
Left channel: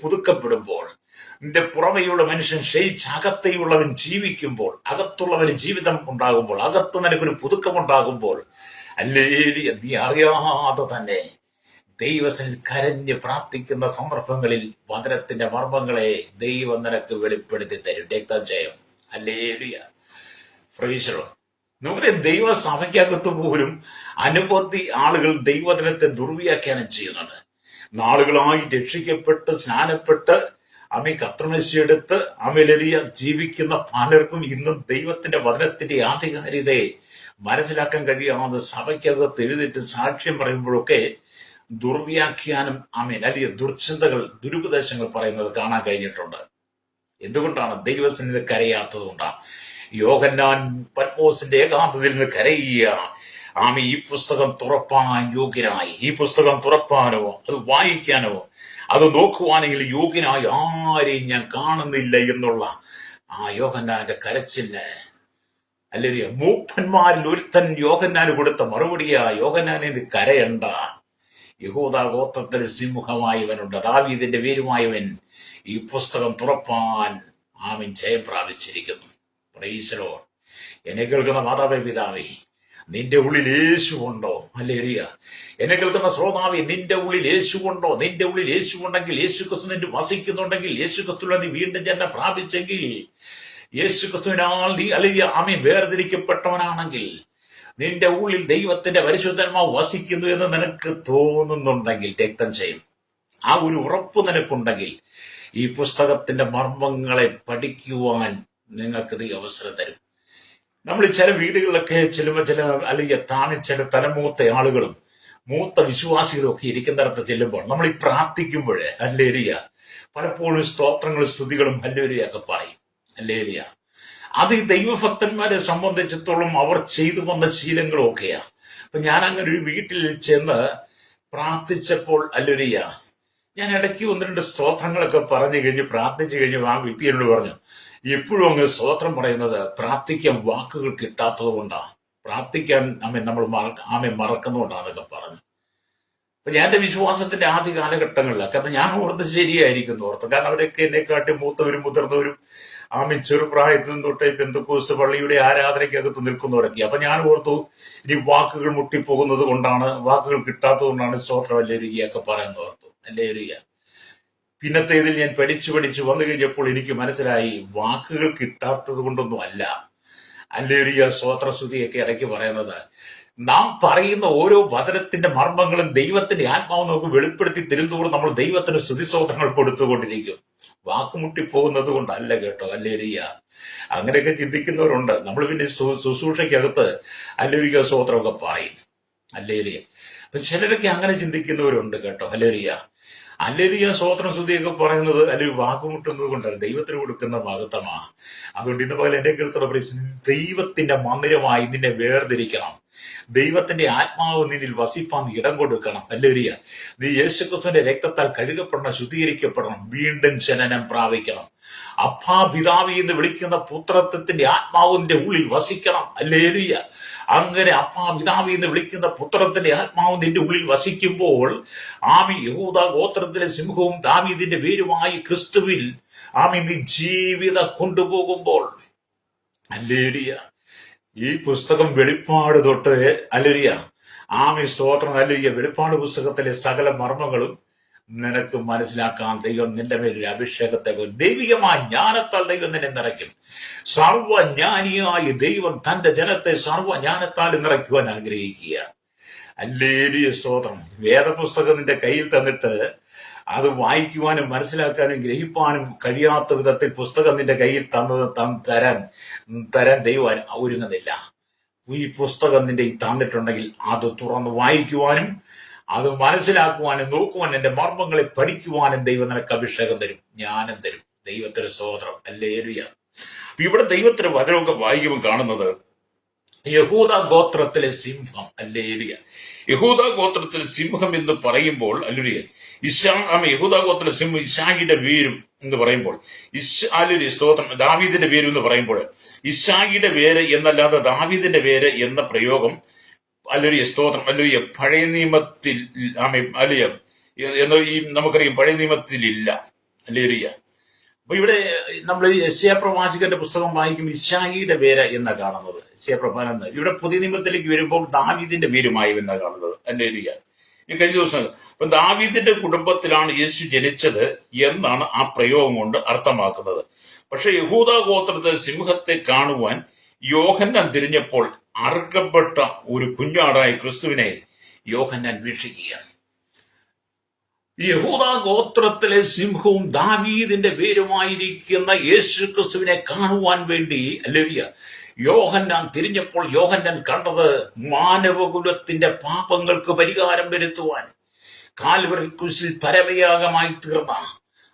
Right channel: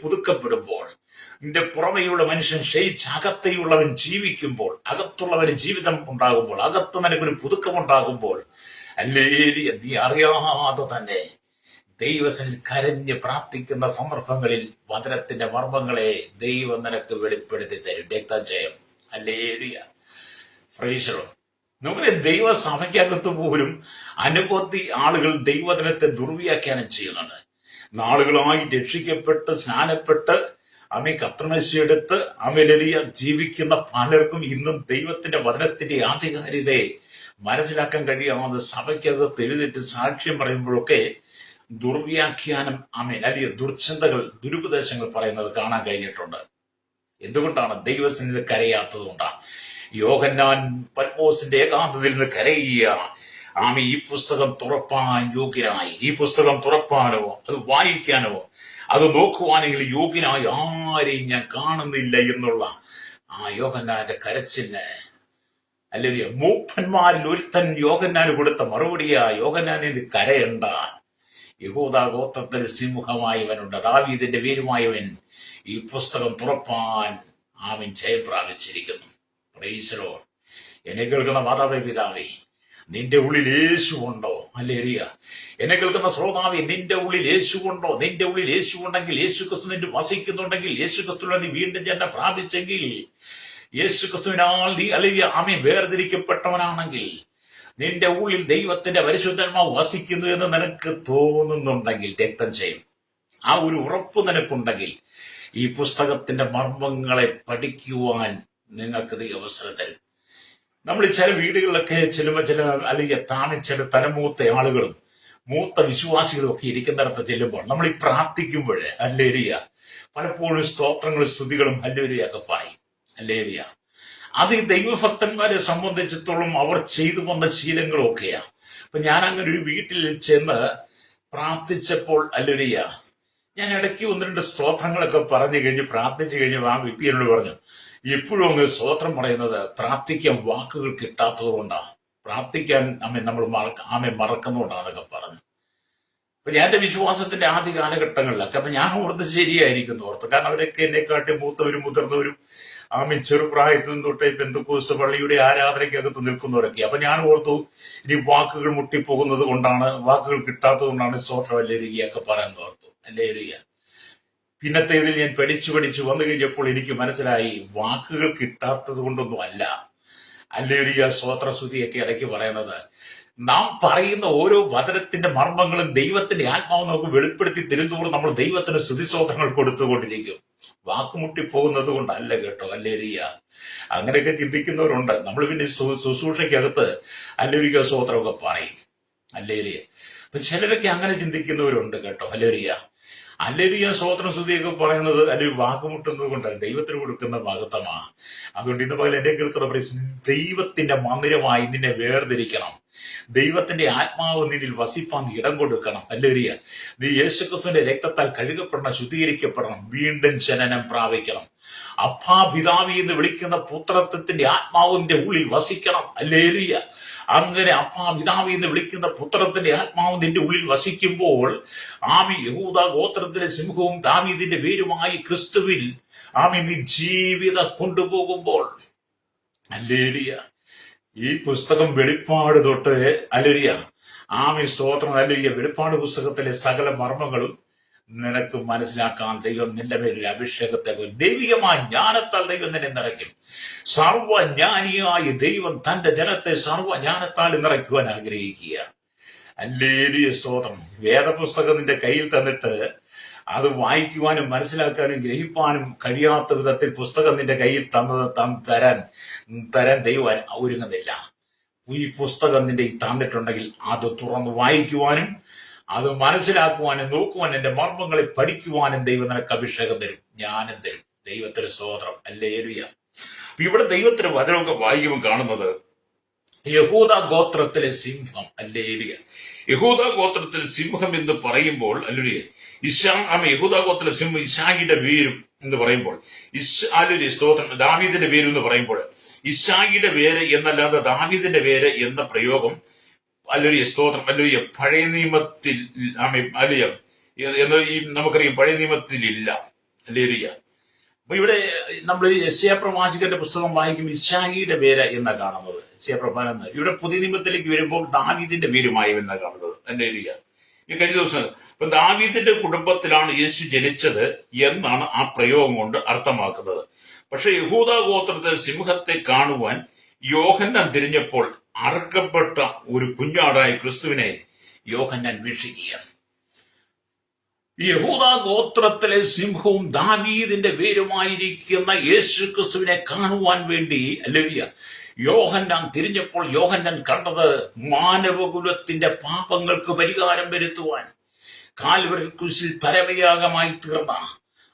പുതുക്കപ്പെടുമ്പോൾ നിന്റെ പുറമെയുള്ള മനുഷ്യൻ ക്ഷയിച്ച് അകത്തെയുള്ളവൻ ജീവിക്കുമ്പോൾ അകത്തുള്ളവന് ജീവിതം ഉണ്ടാകുമ്പോൾ അകത്ത് നിനക്കൊരു പുതുക്കമുണ്ടാകുമ്പോൾ അല്ലേറിയ നീ അറിയാതെ തന്നെ ദൈവത്തിൽ കരഞ്ഞ് പ്രാർത്ഥിക്കുന്ന സന്ദർഭങ്ങളിൽ വചനത്തിന്റെ മർമ്മങ്ങളെ ദൈവം നിനക്ക് വെളിപ്പെടുത്തി തരും. രക്തം ചെയ്യും. അല്ലേലിയ ഫ്രീശറോ നമുക്കറിയാം, ദൈവസഭയ്ക്കകത്ത് പോലും അനവധി ആളുകൾ ദൈവവചനത്തെ ദുർവ്യാഖ്യാനം ചെയ്യുന്നുണ്ട്. നാളുകളായി രക്ഷിക്കപ്പെട്ട് സ്നാനപ്പെട്ട് കർത്തൃമേശയെടുത്ത് അമലെലിയ ജീവിക്കുന്ന പലർക്കും ഇന്നും ദൈവത്തിന്റെ വചനത്തിന്റെ ആധികാരികതയെ മനസ്സിലാക്കാൻ കഴിയാതെ സഭയ്ക്കകത്ത് എഴുതിയിട്ട് സാക്ഷ്യം പറയുമ്പോഴൊക്കെ ദുർവ്യാഖ്യാനം അല്ലെങ്കിൽ ദുർചിന്തകൾ ദുരുപദേശങ്ങൾ പറയുന്നത് കാണാൻ കഴിഞ്ഞിട്ടുണ്ട്. എന്തുകൊണ്ടാണ്? ദൈവസന്നിധി കരയാത്തത് കൊണ്ടാണ്. യോഹന്നാൻ പത്മോസിന്റെ ഏകാന്തതയിൽ നിന്ന് കരയുകയാണ്. ഈ പുസ്തകം തുറപ്പാൻ യോഗ്യനായി, ഈ പുസ്തകം തുറപ്പാനോ അത് വായിക്കാനോ അത് നോക്കുവാനെങ്കിൽ യോഗ്യനായി ആരെയും ഞാൻ കാണുന്നില്ല എന്നുള്ള യോഹന്നാന്റെ കരച്ചിന് അല്ലെങ്കിൽ മൂപ്പന്മാരിൽ ഒരുത്തൻ യോഹന്നാന് കൊടുത്ത മറുപടിയാ, യോഹന്നാൻ ഇത് കരയണ്ട, യഹൂദാ ഗോത്രത്തിൽ സിംഹമായവനുണ്ട്, ദാവീദിന്റെ പേരുമായവൻ ഈ പുസ്തകം തുറപ്പാൻ ജയം പ്രാപിച്ചിരിക്കുന്നു. Praise the Lord. എന്നെ കേൾക്കുന്ന മാതാവേ പിതാവേ, നിന്റെ ഉള്ളിൽ യേശു ഉണ്ടോ? ഹല്ലേലൂയ. എന്നെ കേൾക്കുന്ന ശ്രോതാവേ, നിന്റെ ഉള്ളിൽ യേശു ഉണ്ടോ? നിന്റെ ഉള്ളിൽ യേശു ഉണ്ടെങ്കിൽ, യേശു ക്രിസ്തു നിന്റെ വസിക്കുന്നുണ്ടെങ്കിൽ, യേശു ക്രിസ്തുവിനെ നീ വീണ്ടും ജന്മം പ്രാപിച്ചെങ്കിൽ, യേശു ക്രിസ്തുവിനാൽ നീ അല്ലെങ്കിൽ വേർതിരിക്കപ്പെട്ടവനാണെങ്കിൽ, നിന്റെ ഉള്ളിൽ ദൈവത്തിന്റെ പരിശുദ്ധാത്മാവ് വസിക്കുന്നു എന്ന് നിനക്ക് തോന്നുന്നുണ്ടെങ്കിൽ രക്തം ചെയ്യും. ആ ഒരു ഉറപ്പ് നിനക്കുണ്ടെങ്കിൽ ഈ പുസ്തകത്തിന്റെ മർമ്മങ്ങളെ പഠിക്കുവാൻ നിങ്ങൾക്ക് ഈ അവസരം തരും. നമ്മൾ ചില വീടുകളിലൊക്കെ ചെല്ലുമ്പോൾ അല്ലെങ്കിൽ ചില തലമൂത്ത ആളുകളും മൂത്ത വിശ്വാസികളും ഒക്കെ ഇരിക്കുന്നിടത്ത് ചെല്ലുമ്പോൾ നമ്മൾ ഈ പ്രാർത്ഥിക്കുമ്പോൾ ഹല്ലേലൂയ പലപ്പോഴും സ്തോത്രങ്ങളും സ്തുതികളും ഹല്ലേലൂയൊക്കെ പറയും. ഹല്ലേലൂയ. അത് ഈ ദൈവഭക്തന്മാരെ സംബന്ധിച്ചിടത്തോളം അവർ ചെയ്തു വന്ന ശീലങ്ങളും ഒക്കെയാ. അപ്പൊ ഞാൻ അങ്ങനെ ഒരു വീട്ടിൽ ചെന്ന് പ്രാർത്ഥിച്ചപ്പോൾ ഹല്ലേലൂയ ഞാൻ ഇടയ്ക്ക് ഒന്ന് രണ്ട് സ്തോത്രങ്ങളൊക്കെ പറഞ്ഞു കഴിഞ്ഞ് പ്രാർത്ഥിച്ചു കഴിഞ്ഞ് ആ വ്യക്തി എന്നോട് പറഞ്ഞു, ഇപ്പോഴും അങ്ങ് സ്തോത്രം പറയുന്നത് പ്രാർത്ഥിക്കാൻ വാക്കുകൾ കിട്ടാത്തത് കൊണ്ടാണ്, പ്രാർത്ഥിക്കാൻ നമ്മൾ മറക്കുന്നുകൊണ്ടാണെന്നൊക്കെ പറഞ്ഞു. അപ്പൊ ഞാൻ എന്റെ വിശ്വാസത്തിന്റെ ആദ്യ കാലഘട്ടങ്ങളിലൊക്കെ അപ്പൊ ഞാൻ ഓർത്ത് ശരിയായിരിക്കുന്നു ഓർത്ത്. കാരണം അവരൊക്കെ എന്നെക്കാട്ടി മൂത്തവരും മുതിർന്നവരും ചെറുപ്രായത്തിൽ തൊട്ടേ പെന്തക്കോസ്ത് പള്ളിയുടെ ആരാധനയ്ക്കകത്ത് നിൽക്കുന്നവരൊക്കെ. അപ്പൊ ഞാൻ ഓർത്തു ഇനി വാക്കുകൾ മുട്ടിപ്പോകുന്നത് കൊണ്ടാണ്, വാക്കുകൾ കിട്ടാത്തത് കൊണ്ടാണ് സ്തോത്രം അല്ലേലുയ്യൊക്കെ പറയുന്നത് ഓർത്തു. അല്ലേലുയ്യ. പിന്നത്തെ ഇതിൽ ഞാൻ പഠിച്ചു വന്നു കഴിഞ്ഞപ്പോൾ എനിക്ക് മനസ്സിലായി വാക്കുകൾ കിട്ടാത്തത് കൊണ്ടൊന്നും അല്ല അല്ലേലുയ്യ സ്തോത്രസ്തുതിയൊക്കെ ഇടയ്ക്ക് പറയുന്നത്. നാം പറയുന്ന ഓരോ വചനത്തിന്റെ മർമ്മങ്ങളും ദൈവത്തിന്റെ ആത്മാവ് നമുക്ക് വെളിപ്പെടുത്തി തരുന്നതോറും നമ്മൾ ദൈവത്തിന് സ്തുതിസ്തോത്രങ്ങൾ കൊടുത്തുകൊണ്ടിരിക്കും. വാക്കുമുട്ടി പോകുന്നത് കൊണ്ടല്ല കേട്ടോ. അല്ലേലുയ്യ. അങ്ങനെയൊക്കെ ചിന്തിക്കുന്നവരുണ്ട്. നമ്മൾ പിന്നെ ശുശ്രൂഷയ്ക്കകത്ത് അല്ലേലുയ്യ സ്തോത്രമൊക്കെ പറയും. അല്ലേലുയ്യ. അപ്പൊ ചിലരൊക്കെ അങ്ങനെ ചിന്തിക്കുന്നവരുണ്ട് കേട്ടോ. അല്ലേലുയ്യ. അല്ലേലുയ്യ സ്തോത്രം സ്തുതിയൊക്കെ പറയുന്നത് അല്ലെങ്കിൽ വാക്കുമുട്ടുന്നത് കൊണ്ടല്ല, ദൈവത്തിന് കൊടുക്കുന്ന മഹത്വമാ. അതുകൊണ്ട് ഇന്ന് പകൽ എന്റെ കേൾക്കുന്ന ദൈവത്തിന്റെ മന്ദിരമായി നിന്നെ വേർതിരിക്കണം. ദൈവത്തിന്റെ ആത്മാവ് നിന്നിൽ വസിപ്പാൻ ഇടം കൊടുക്കണം. അല്ലേലുയ്യ. നീ യേശുക്രിസ്തുവിന്റെ രക്തത്താൽ കഴുകപ്പെടണം, ശുദ്ധീകരിക്കപ്പെടണം, വീണ്ടും ജനനം പ്രാപിക്കണം. അപ്പാ പിതാവി എന്ന് വിളിക്കുന്ന പുത്രത്വത്തിന്റെ ആത്മാവിന്റെ ഉള്ളിൽ വസിക്കണം. അല്ലേലുയ്യ. അങ്ങനെ അപ്പാ പിതാവി എന്ന് വിളിക്കുന്ന പുത്രത്തിന്റെ ആത്മാവ് നിന്റെ ഉള്ളിൽ വസിക്കുമ്പോൾ യഹൂദ ഗോത്രത്തിലെ സിംഹവും ദാവീദിന്റെ വേരുമായി ക്രിസ്തുവിൽ നീ ജീവിതം കൊണ്ടുപോകുമ്പോൾ, അല്ലേലുയ്യ, ഈ പുസ്തകം വെളിപ്പാട് തൊട്ട് അല്ലേലുയ്യ സ്തോത്രം അല്ലേലുയ്യ, വെളിപ്പാട് പുസ്തകത്തിലെ സകല മർമ്മങ്ങളും നിനക്ക് മനസ്സിലാക്കാൻ ദൈവം നിന്റെ പേരിൽ അഭിഷേകത്തെ ദൈവികമായ ജ്ഞാനത്താൽ ദൈവം നിന്നെ നിറയ്ക്കും. സർവജ്ഞാനിയായ ദൈവം തന്റെ ജനത്തെ സർവജ്ഞാനത്താൽ നിറയ്ക്കുവാൻ ആഗ്രഹിക്കുക. അല്ലേലുയ്യ സ്തോത്രം. വേദപുസ്തകം നിന്റെ കയ്യിൽ തന്നിട്ട് അത് വായിക്കുവാനും മനസ്സിലാക്കാനും ഗ്രഹിപ്പാനും കഴിയാത്ത വിധത്തിൽ പുസ്തകം നിന്റെ കയ്യിൽ തരാൻ ദൈവം ഒരുങ്ങുന്നില്ല. ഈ പുസ്തകം നിന്റെ തന്നിട്ടുണ്ടെങ്കിൽ അത് തുറന്ന് വായിക്കുവാനും അത് മനസ്സിലാക്കുവാനും നോക്കുവാനും എന്റെ മർമ്മങ്ങളെ പഠിക്കുവാനും ദൈവം നിനക്ക് അഭിഷേകം തരും, ജ്ഞാനം തരും. ദൈവത്തിന് സ്തോത്രം. അല്ലേലുയ്യ. ഇവിടെ ദൈവത്തിന് വചനമൊക്കെ വായിക്കുമ്പോൾ കാണുന്നത് യഹൂദ ഗോത്രത്തിലെ സിംഹം. അല്ലേലുയ്യ. യഹൂദ ഗോത്രത്തിലെ സിംഹം എന്ന് പറയുമ്പോൾ അല്ലേലുയ്യ യഹൂദ ഗോത്രത്തിലെ സിംഹം ഇശായിയുടെ വേരും എന്ന് പറയുമ്പോൾ സ്തോത്രം ദാവീദിന്റെ വേര് എന്ന് പറയുമ്പോൾ ഇശായിയുടെ വേര് എന്നല്ലാതെ ദാവീദിന്റെ വേര് എന്ന പ്രയോഗം അല്ലേലുയ്യ സ്തോത്രം അല്ലേലുയ്യ പഴയ നിയമത്തിൽ അല്ലേലുയ്യ നമുക്കറിയാം പഴയ നിയമത്തിൽ ഇല്ല. അല്ലേലുയ്യ. അപ്പൊ ഇവിടെ നമ്മൾ യെശയ്യാ പ്രവാചകന്റെ പുസ്തകം വായിക്കുമ്പോൾ ഇശായിയുടെ പേര് എന്നാ കാണുന്നത്. യെശയ്യാ പ്രവാചകൻ ഇവിടെ പുതിയ നിയമത്തിലേക്ക് വരുമ്പോൾ ദാവീദിന്റെ പേരുമായി എന്നാ കാണുന്നത്. അല്ലേലുയ്യ. ഈ കഴിഞ്ഞ ദിവസം അപ്പൊ ദാവീദിന്റെ കുടുംബത്തിലാണ് യേശു ജനിച്ചത് എന്നാണ് ആ പ്രയോഗം കൊണ്ട് അർത്ഥമാക്കുന്നത്. പക്ഷെ യഹൂദ ഗോത്രത്തിലെ സിംഹത്തെ കാണുവാൻ യോഹന്നാൻ തിരിഞ്ഞപ്പോൾ അറുക്കപ്പെട്ട ഒരു കുഞ്ഞാടായ ക്രിസ്തുവിനെ യോഹന്നാൻ വീക്ഷിക്കുക. യഹൂദ ഗോത്രത്തിലെ സിംഹവും ദാവീദിന്റെ വേരുമായിരിക്കുന്ന യേശു ക്രിസ്തുവിനെ കാണുവാൻ വേണ്ടി അല്ലേലുയ്യ യോഹന്നാൻ തിരിഞ്ഞപ്പോൾ യോഹന്നാൻ കണ്ടത് മാനവകുലത്തിന്റെ പാപങ്ങൾക്ക് പരിഹാരം വരുത്തുവാൻ കാൽവരി ക്രൂശിൽ പരമയാഗമായി തീർന്ന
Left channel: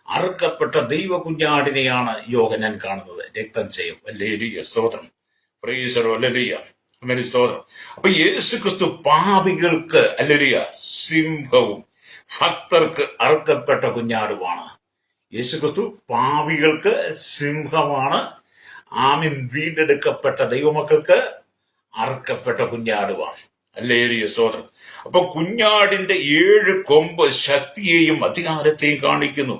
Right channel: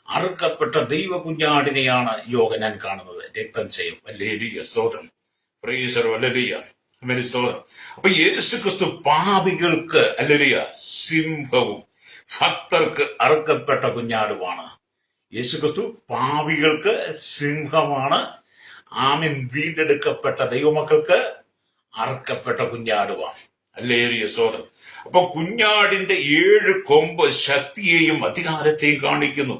അറുക്കപ്പെട്ട ദൈവ കുഞ്ഞാടിനെയാണ് യോഹന്നാൻ കാണുന്നത്. രക്തം ചെയ്യും. അല്ലേലുയ്യ സ്തോത്രം. പ്രൈസർ. അല്ലേലുയ്യ. സ്തോത്രം. അപ്പൊ യേശു ക്രിസ്തു പാപികൾക്ക് അല്ലേലുയ്യ സിംഹവും ഭക്തർക്ക് അറുക്കപ്പെട്ട കുഞ്ഞാടുമാണ്. യേശുക്രിസ്തു പാപികൾക്ക് സിംഹമാണ്. വീണ്ടെടുക്കപ്പെട്ട ദൈവമക്കൾക്ക് അറുക്കപ്പെട്ട കുഞ്ഞാടുമാണ്. അല്ലേലുയ്യ സ്തോത്രം. അപ്പൊ കുഞ്ഞാടിന്റെ 7 കൊമ്പ് ശക്തിയെയും അധികാരത്തെയും കാണിക്കുന്നു.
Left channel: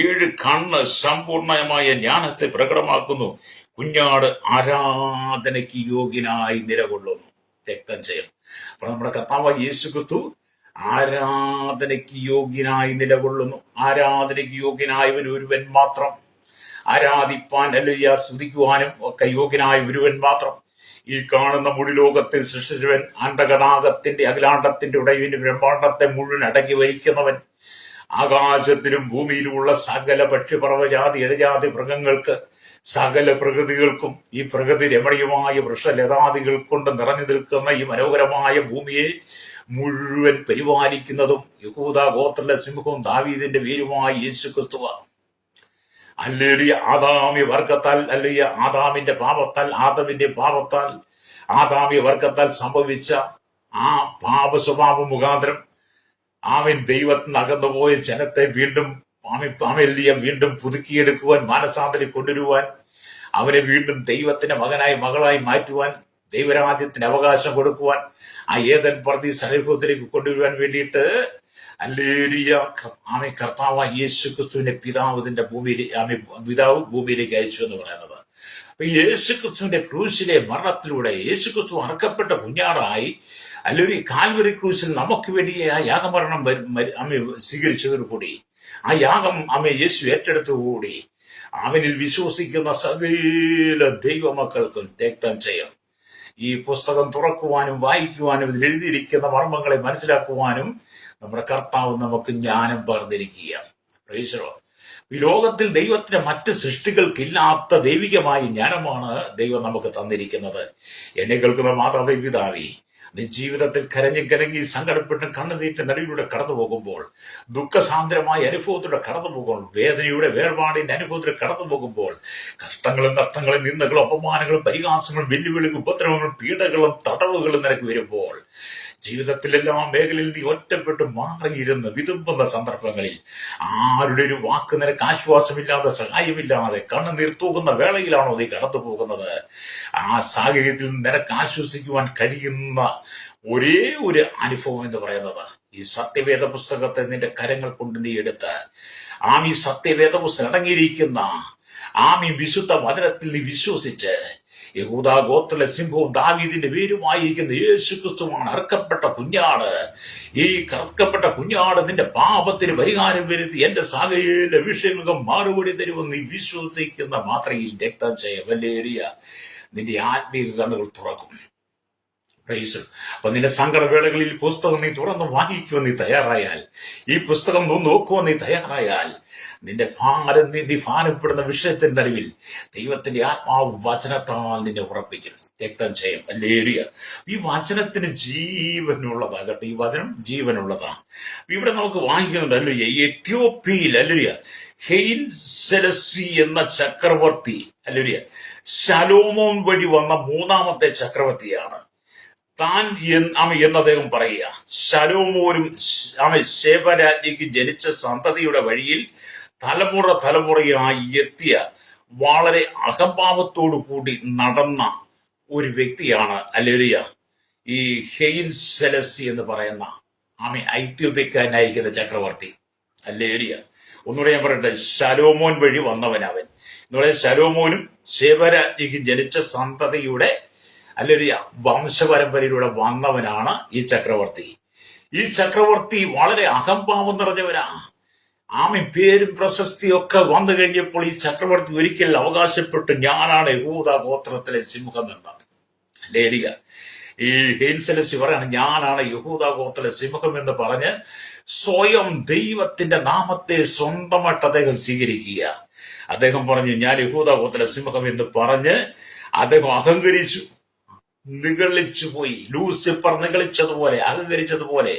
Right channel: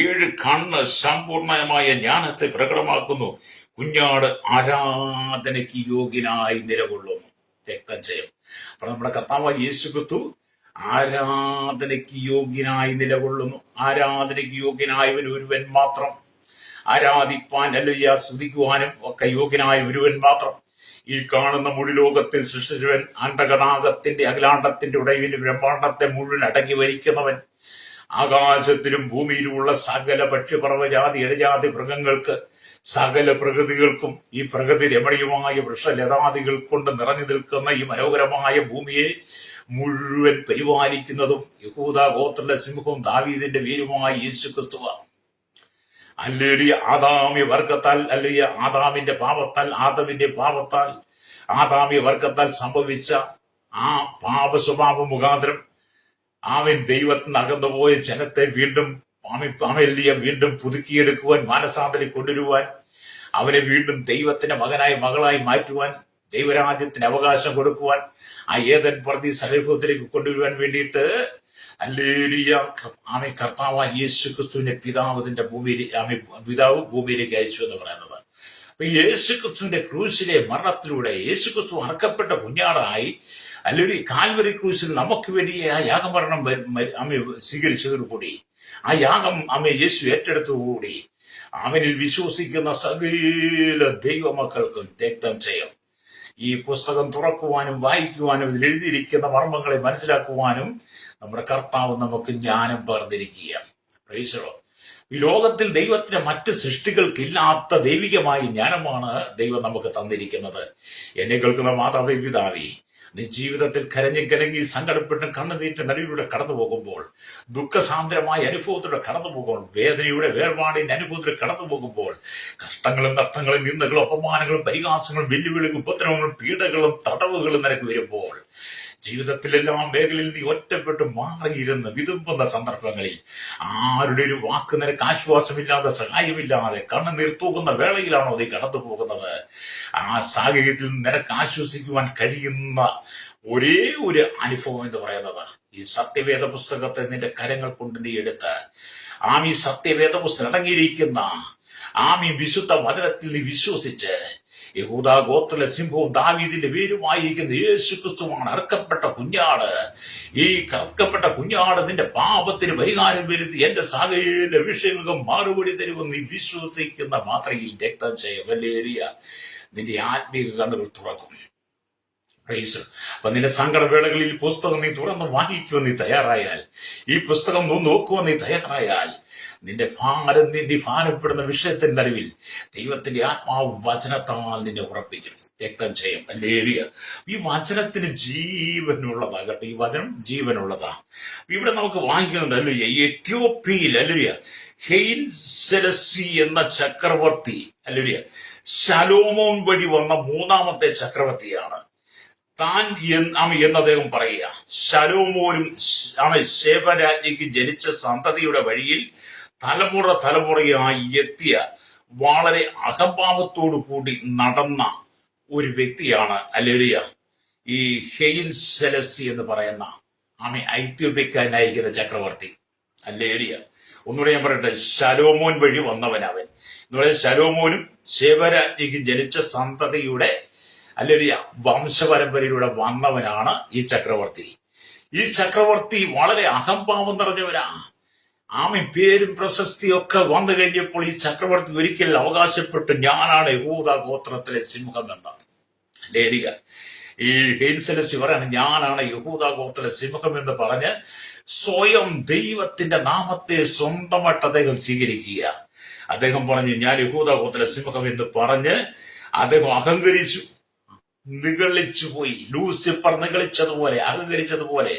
7 കണ്ണ് സമ്പൂർണമായ ജ്ഞാനത്തെ പ്രകടമാക്കുന്നു. കുഞ്ഞാട് ആരാധനയ്ക്ക് യോഗ്യനായി നിലകൊള്ളുന്നു. രക്തം ചെയ്യും. അപ്പൊ നമ്മുടെ കർത്താവായ യേശുക്രിസ്തു ആരാധനയ്ക്ക് യോഗ്യനായി നിലകൊള്ളുന്നു. ആരാധനയ്ക്ക് യോഗ്യനായവൻ ഒരുവൻ മാത്രം. ആരാധിപ്പാൻ അല്ലേലുയ്യ സ്തുതിക്കുവാനും ഒക്കെ യോഗ്യനായ ഒരുവൻ മാത്രം. ഈ കാണുന്ന മുഴുലോകത്തെ സൃഷ്ടിച്ചവൻ, അണ്ടകടാകത്തിന്റെ അഖിലാണ്ടത്തിന്റെ ഉടയവന് ബ്രഹ്മാണ്ടത്തെ മുഴുവൻ അടക്കി ഭരിക്കുന്നവൻ, ആകാശത്തിലും ഭൂമിയിലുമുള്ള സകല പക്ഷിപർവ്വജാതി ഇഴജാതി മൃഗങ്ങൾക്ക് സകല പ്രകൃതികൾക്കും ഈ പ്രകൃതി രമണീയമായ വൃക്ഷലതാദികൾ കൊണ്ട് നിറഞ്ഞു നിൽക്കുന്ന ഈ മനോഹരമായ ഭൂമിയെ മുഴുവൻ പരിപാലിക്കുന്നതും യഹൂദ ഗോത്രത്തിലെ സിംഹവും ദാവീദിന്റെ വേരുമായി യേശു ക്രിസ്തുവാണ്. അല്ലേലുയ്യ. ആദാമ്യ വർഗത്താൽ അല്ലേലുയ്യ ആദാമിന്റെ പാപത്താൽ ആദാമ്യ വർഗത്താൽ സംഭവിച്ച ആ പാപ സ്വഭാവ മുഖാന്തരം ദൈവത്തിന് അകന്നുപോയ ജനത്തെ വീണ്ടും വീണ്ടും പുതുക്കിയെടുക്കുവാൻ, മാനസാന്തരം കൊണ്ടുവരുവാൻ, അവനെ വീണ്ടും ദൈവത്തിന്റെ മകനായി മകളായി മാറ്റുവാൻ, ദൈവരാജ്യത്തിന് അവകാശം കൊടുക്കുവാൻ, ആ ഏതൻ പർദീസ് അനുഭവത്തിലേക്ക് കൊണ്ടുവരുവാൻ വേണ്ടിയിട്ട് ഹല്ലേലൂയ കർത്താവായ യേശു ക്രിസ്തുവിന്റെ പിതാവ് ഭൂമിയിലേക്ക് അയച്ചു എന്ന് പറയുന്നത്. അപ്പൊ യേശു ക്രിസ്തുവിന്റെ ക്രൂശിലെ മരണത്തിലൂടെ യേശു ക്രിസ്തു അറക്കപ്പെട്ട കുഞ്ഞാടായി അല്ലെങ്കിൽ കാൽവരി ക്രൂശിൽ നമുക്ക് വേണ്ടി ആ യാഗമരണം സ്വീകരിച്ചതോടുകൂടി, ആ യാഗം യേശു ഏറ്റെടുത്തതോടുകൂടി അവനിൽ വിശ്വസിക്കുന്ന സകല ദൈവമക്കൾക്കും രക്തം ചെയ്യും. ഈ പുസ്തകം തുറക്കുവാനും വായിക്കുവാനും ഇതിൽ എഴുതിയിരിക്കുന്ന മർമ്മങ്ങളെ മനസ്സിലാക്കുവാനും നമ്മുടെ കർത്താവ് നമുക്ക് ജ്ഞാനം പകർന്നിരിക്കുക. ഈ ലോകത്തിൽ ദൈവത്തിന്റെ മറ്റ് സൃഷ്ടികൾക്കില്ലാത്ത ദൈവികമായ ജ്ഞാനമാണ് ദൈവം നമുക്ക് തന്നിരിക്കുന്നത്. എന്നെ കേൾക്കുന്ന മാതാവേ, പിതാവേ, നീ ജീവിതത്തിൽ കരഞ്ഞും കലങ്ങി സങ്കടപ്പെട്ടും കണ്ണുനീരിന്റെ നടുവിലൂടെ കടന്നു പോകുമ്പോൾ, ദുഃഖസാന്ദ്രമായ അനുഭവത്തിലൂടെ കടന്നു പോകുമ്പോൾ, വേദനയുടെ വേർപാടിന്റെ അനുഭവത്തിൽ കടന്നു പോകുമ്പോൾ, കഷ്ടങ്ങളും നഷ്ടങ്ങളും നിന്ദകളും അപമാനങ്ങളും പരിഹാസങ്ങളും വെല്ലുവിളികളും ഉപദ്രവങ്ങളും പീഡകളും തടവുകളും നിനക്ക് വരുമ്പോൾ, ജീവിതത്തിലെല്ലാ മേഖലയിൽ നീ ഒറ്റപ്പെട്ട് മാറിയിരുന്ന് വിതുമ്പുന്ന സന്ദർഭങ്ങളിൽ ആരുടെ ഒരു വാക്ക് നിനക്ക് ആശ്വാസമില്ലാതെ, സഹായമില്ലാതെ കണ്ണുനീർ തൂകുന്ന വേളയിലാണോ നീ കടന്നു പോകുന്നത്? ആ സാഹചര്യത്തിൽ നിനക്ക് ആശ്വസിക്കുവാൻ കഴിയുന്ന ഒരേ ഒരു അനുഭവം എന്ന് പറയുന്നത് ഈ സത്യവേദ പുസ്തകത്തെ നിന്റെ കരങ്ങൾ കൊണ്ട് നീ എടുത്ത് ഈ സത്യവേദ പുസ്തകം അടങ്ങിയിരിക്കുന്ന വിശുദ്ധ വചനത്തിൽ നീ വിശ്വസിച്ച്, യഹൂദാ ഗോത്രത്തിലെ സിംഹവും ദാവീദിന്റെ വേരുമായിരിക്കുന്ന യേശു ക്രിസ്തുവാണ് അറുക്കപ്പെട്ട കുഞ്ഞാട്. ഈ അറുക്കപ്പെട്ട കുഞ്ഞാട് നിന്റെ പാപത്തിന് പരിഹാരം വരുത്തി എന്റെ സകല വിഷയങ്ങൾക്കും മറുപടി തരുമെന്ന് നീ വിശ്വസിക്കുന്ന മാത്രയിൽ രക്തം വല്ലേറിയ നിന്റെ ആത്മീക കണ്ണുകൾ തുറക്കും. അപ്പൊ നിന്റെ സങ്കടവേളകളിൽ പുസ്തകം നീ തുറന്ന് വായിക്കുവാൻ നീ തയ്യാറായാൽ, ഈ പുസ്തകം നോക്കുവാൻ നീ തയ്യാറായാൽ, നിന്റെ ഭാരപ്പെടുന്ന വിഷയത്തിന്റെ നടുവിൽ ദൈവത്തിന്റെ ആത്മാവ് വചനത്താൽ നിന്നെ ഉറപ്പിക്കും. രക്തം ചെയ്യും. ഹല്ലേലൂയ. ഈ വചനത്തിന് ജീവനുള്ളതാകട്ടെ. ഈ വചനം ജീവനുള്ളതാ. ഇവിടെ നമുക്ക് വായിക്കുന്നുണ്ട്, ഹല്ലേലൂയ, എത്യോപ്യയിൽ ഹല്ലേലൂയ ഹെയിൽ സെലസി എന്ന ചക്രവർത്തി, ഹല്ലേലൂയ, ശലോമോൻ വഴി വന്ന മൂന്നാമത്തെ ചക്രവർത്തിയാണ് താൻ എന്ന് അദ്ദേഹം പറയുക. ശലോമോനും ശേബരാജ്ഞിക്ക് ജനിച്ച സന്തതിയുടെ വഴിയിൽ തലമുറയായി എത്തിയ വളരെ അഹംഭാവത്തോടു കൂടി നടന്ന ഒരു വ്യക്തിയാണ് ഹല്ലേലൂയ ഈ ഹെയിൽ സെലസി എന്ന് പറയുന്ന ഐത്യോപ്യക്കാരനായിരിക്കുന്ന ചക്രവർത്തി. ഹല്ലേലൂയ. ഒന്നുകൂടെ ഞാൻ പറയട്ടെ, ശലോമോൻ വഴി വന്നവൻ അവൻ എന്ന് പറയുന്നത്. ശലോമോനും ശേബരാജ്ഞിക്ക് ജനിച്ച സന്തതിയുടെ ഹല്ലേലൂയ വംശപരമ്പരയിലൂടെ വന്നവനാണ് ഈ ചക്രവർത്തി. ഈ ചക്രവർത്തി വളരെ അഹംഭാവം നിറഞ്ഞവനാ. പേരും പ്രശസ്തിയൊക്കെ വന്നു കഴിഞ്ഞപ്പോൾ ഈ ചക്രവർത്തി ഒരിക്കൽ അവകാശപ്പെട്ടു, ഞാനാണ് യഹൂദാ ഗോത്രത്തിലെ സിംഹം എന്നാണ്. ഹല്ലേലൂയ. ഈ ഹെയിൽസെലസി പറയാണ്, ഞാനാണ് യഹൂദാ ഗോത്രത്തിലെ സിംഹം എന്ന് പറഞ്ഞ് സ്വയം ദൈവത്തിന്റെ നാമത്തെ സ്വന്തമായിട്ട് അദ്ദേഹം സ്വീകരിക്കുക. അദ്ദേഹം പറഞ്ഞു, ഞാൻ യഹൂദാ ഗോത്രത്തിലെ സിംഹം എന്ന് പറഞ്ഞ് അദ്ദേഹം അഹങ്കരിച്ചു, നിഗളിച്ചു പോയി. ലൂസിഫർ നിഗളിച്ചതുപോലെ, അഹങ്കരിച്ചതുപോലെ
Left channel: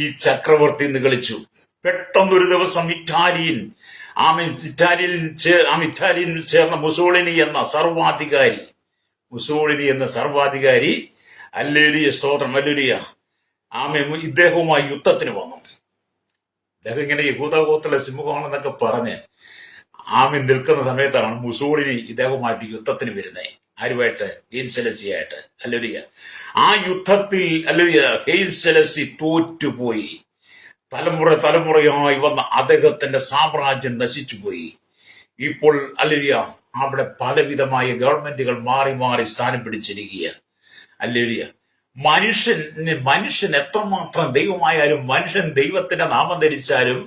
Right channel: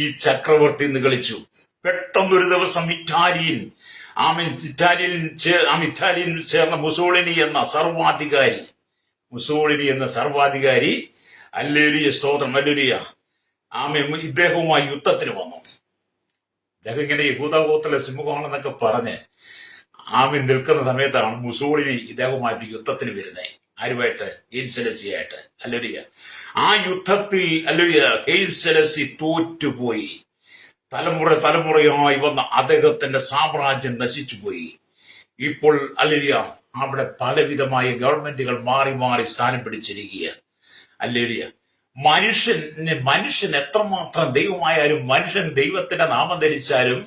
ഈ ചക്രവർത്തി നിഗളിച്ചു. പെട്ടെന്നൊരു ദിവസം ഇറ്റാലിയിൽ ചേർന്ന മുസോളിനി എന്ന സർവാധികാരി ഹല്ലേലൂയ സ്തോത്രം ഹല്ലേലൂയ ഇദ്ദേഹവുമായി യുദ്ധത്തിന് വന്നു. ഇദ്ദേഹം ഇങ്ങനെ യഹൂദാ ഗോത്രത്തിലെ സിംഹമാണെന്നൊക്കെ പറഞ്ഞ് നിൽക്കുന്ന സമയത്താണ് മുസോളിനി ഇദ്ദേഹവുമായിട്ട് യുദ്ധത്തിന് വരുന്നത്. ആരുമായിട്ട്? ഹെയിൽസെലസിയായിട്ട്. ഹല്ലേലൂയ. ആ യുദ്ധത്തിൽ ഹല്ലേലൂയ ഹെയിൽസെലസി തോറ്റുപോയി. തലമുറയായി വന്ന അദ്ദേഹത്തിന്റെ സാമ്രാജ്യം നശിച്ചുപോയി. ഇപ്പോൾ ഹല്ലേലൂയ അവിടെ പലവിധമായ ഗവൺമെന്റുകൾ മാറി മാറി സ്ഥാനം പിടിച്ചിരിക്കുക. ഹല്ലേലൂയ. മനുഷ്യൻ എത്രമാത്രം ദൈവമായാലും, മനുഷ്യൻ ദൈവത്തിന്റെ നാമം ധരിച്ചാലും,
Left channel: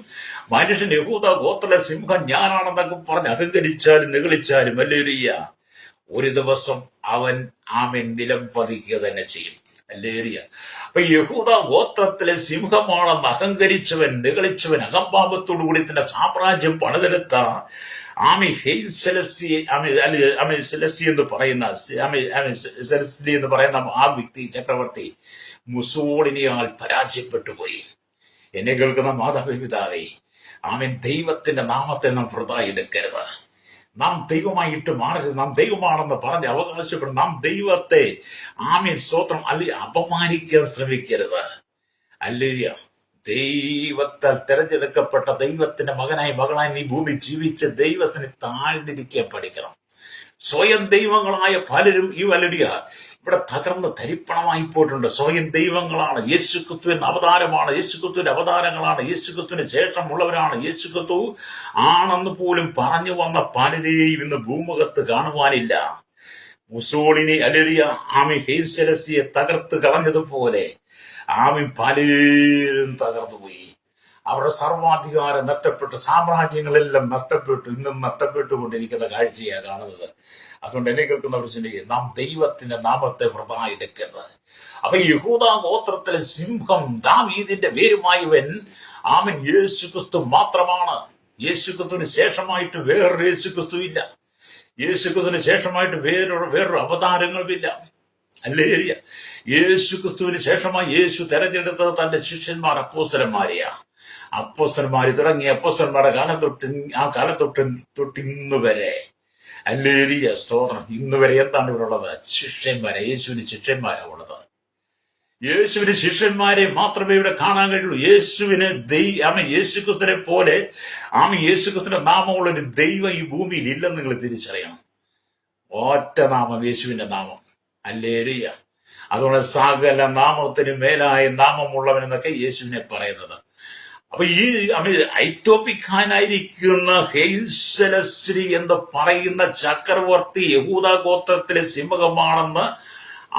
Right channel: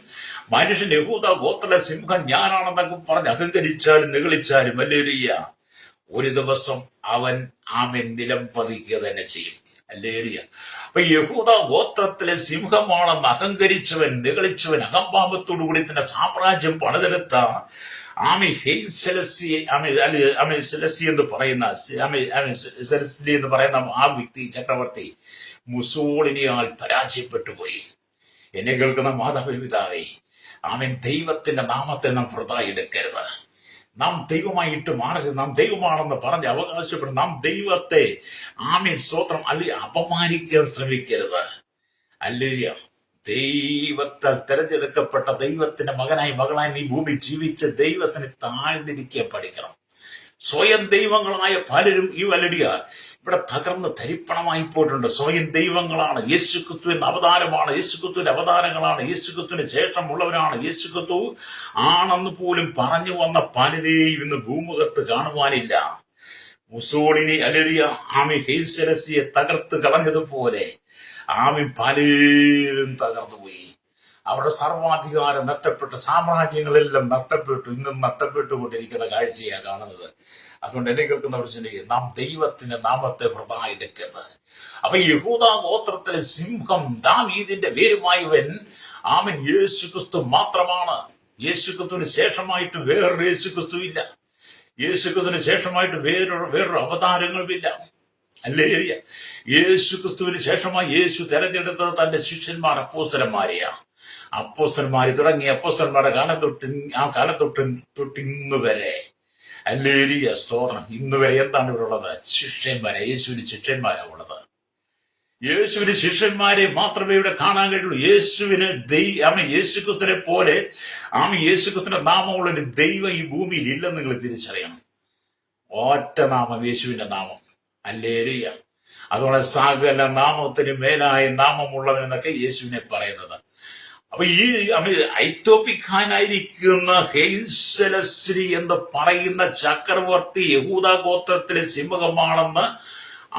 മനുഷ്യൻ യഹൂദാ ഗോത്രത്തിലെ സിംഹം ഞാനാണെന്നൊക്കെ പറഞ്ഞ് അഹങ്കരിച്ചാലും നിഗളിച്ചാലും, ഹല്ലേലൂയ, ഒരു ദിവസം അവൻ നിലം പതിക്കുക തന്നെ ചെയ്യും. ഹല്ലേലൂയ. അപ്പൊ യഹൂദാ ഗോത്രത്തിലെ സിംഹമാണെന്ന് അഹങ്കരിച്ചവൻ, നിഗളിച്ചവൻ, അഹംഭാവത്തോടു കൂടി തന്നെ സാമ്രാജ്യം പണിതെടുത്ത സെലസി എന്ന് പറയുന്ന ആ വ്യക്തി, ചക്രവർത്തി മുസോളിനിയാൽ പരാജയപ്പെട്ടു പോയി. എന്നെ കേൾക്കുന്ന മാതാവേ, പിതാവേ, ദൈവത്തിന്റെ നാമത്തെ നാം വൃഥാ എടുക്കരുത്. നാം ദൈവമായിട്ട് മാറരുത്. നാം ദൈവമാണെന്ന് പറഞ്ഞ് അവകാശപ്പെടും. നാം ദൈവത്തെ സ്തോത്രം അല്ലെ അപമാനിക്കാൻ ശ്രമിക്കരുത്. ഹല്ലേലൂയ. ദൈവത്താൽ തെരഞ്ഞെടുക്കപ്പെട്ട ദൈവത്തിന്റെ മകനായി മകളായി നീ ഭൂമി ജീവിച്ച് ദൈവത്തിന് താഴ്ന്നിരിക്കാൻ പഠിക്കണം. സ്വയം ദൈവങ്ങളായ പലരും ഈ വലടിയ ഇവിടെ തകർന്ന് ധരിപ്പണമായി പോയിട്ടുണ്ട്. സ്വയം ദൈവങ്ങളാണ്. യേശുക്രിസ്തു എന്ന അവതാരമാണ്, യേശുക്രിസ്തുവിന്റെ അവതാരങ്ങളാണ്, യേശുക്രിസ്തുവിന് ശേഷമുള്ളവരാണ്, യേശുക്രിസ്തു ആണെന്ന് പോലും പറഞ്ഞു വന്ന പലരെയും ഇന്ന് ഭൂമുഖത്ത് കാണുവാനില്ല. മുസോളിനി അലരിയ ആമി ഹെയ്സലസിയെ തകർത്ത് കളഞ്ഞതുപോലെ ആമി പലരും തകർന്നുപോയി. അവരുടെ സർവാധികാരം നഷ്ടപ്പെട്ടു, സാമ്രാജ്യങ്ങളെല്ലാം നഷ്ടപ്പെട്ടു, ഇന്നും നഷ്ടപ്പെട്ടുകൊണ്ടിരിക്കുന്ന കാഴ്ചയാണ് കാണുന്നത്. അതുകൊണ്ട് എന്നെ കേൾക്കുന്നവർ ചിന്തിക്കുക, നാം ദൈവത്തിന്റെ നാമത്തെ വൃഥാ എടുക്കരുത്. അപ്പൊ യഹൂദാ ഗോത്രത്തിലെ സിംഹം ദാവീദിന്റെ വേരുമായവൻ ആമൻ യേശുക്രിസ്തു മാത്രമാണ്. യേശുക്രിസ്തുവിന് ശേഷമായിട്ട് വേറൊരു യേശുക്രിസ്തു ഇല്ല. യേശുക്രിസ്തുവിന് ശേഷമായിട്ട് വേറൊരു അവതാരങ്ങളുമില്ല. ഹല്ലേലൂയ. യേശുക്രിസ്തുവിന് ശേഷമായി യേശു തെരഞ്ഞെടുത്തത് തന്റെ ശിഷ്യന്മാർ അപ്പോസ്തലന്മാരെയാ. അപ്പോസ്തലന്മാര് തുടങ്ങി അപ്പോസ്തലന്മാരുടെ കാലം തൊട്ട് ഇന്ന് വരെ, ഹല്ലേലൂയ, സ്തോത്രം, ഇന്ന് വരെ എന്താണ് ഇവിടെ ഉള്ളത്? ശിഷ്യന്മാരെ. യേശുവിന് ശിഷ്യന്മാരാ ഉള്ളത്. യേശുവിന് ശിഷ്യന്മാരെ മാത്രമേ ഇവിടെ കാണാൻ കഴിയുള്ളൂ. യേശുവിന് യേശുക്രിസ്തുവിനെ പോലെ യേശുക്രിസ്തുവിന്റെ നാമമുള്ള ഒരു ദൈവം ഈ ഭൂമിയിൽ ഇല്ലെന്ന് നിങ്ങൾ തിരിച്ചറിയണം. ഒറ്റ നാമം, യേശുവിന്റെ നാമം. ഹല്ലേലൂയ. അതുകൊണ്ട് സകല നാമത്തിന് മേലായ നാമമുള്ളവൻ എന്നൊക്കെ യേശുവിനെ പറയുന്നത്. അപ്പൊ ഈ ഐത്തോപ്പിക്കാനായിരിക്കുന്ന ഹെയ്സലശ്രീ എന്ന് പറയുന്ന ചക്രവർത്തി യഹൂദാ ഗോത്രത്തിലെ സിംഹമാണെന്ന്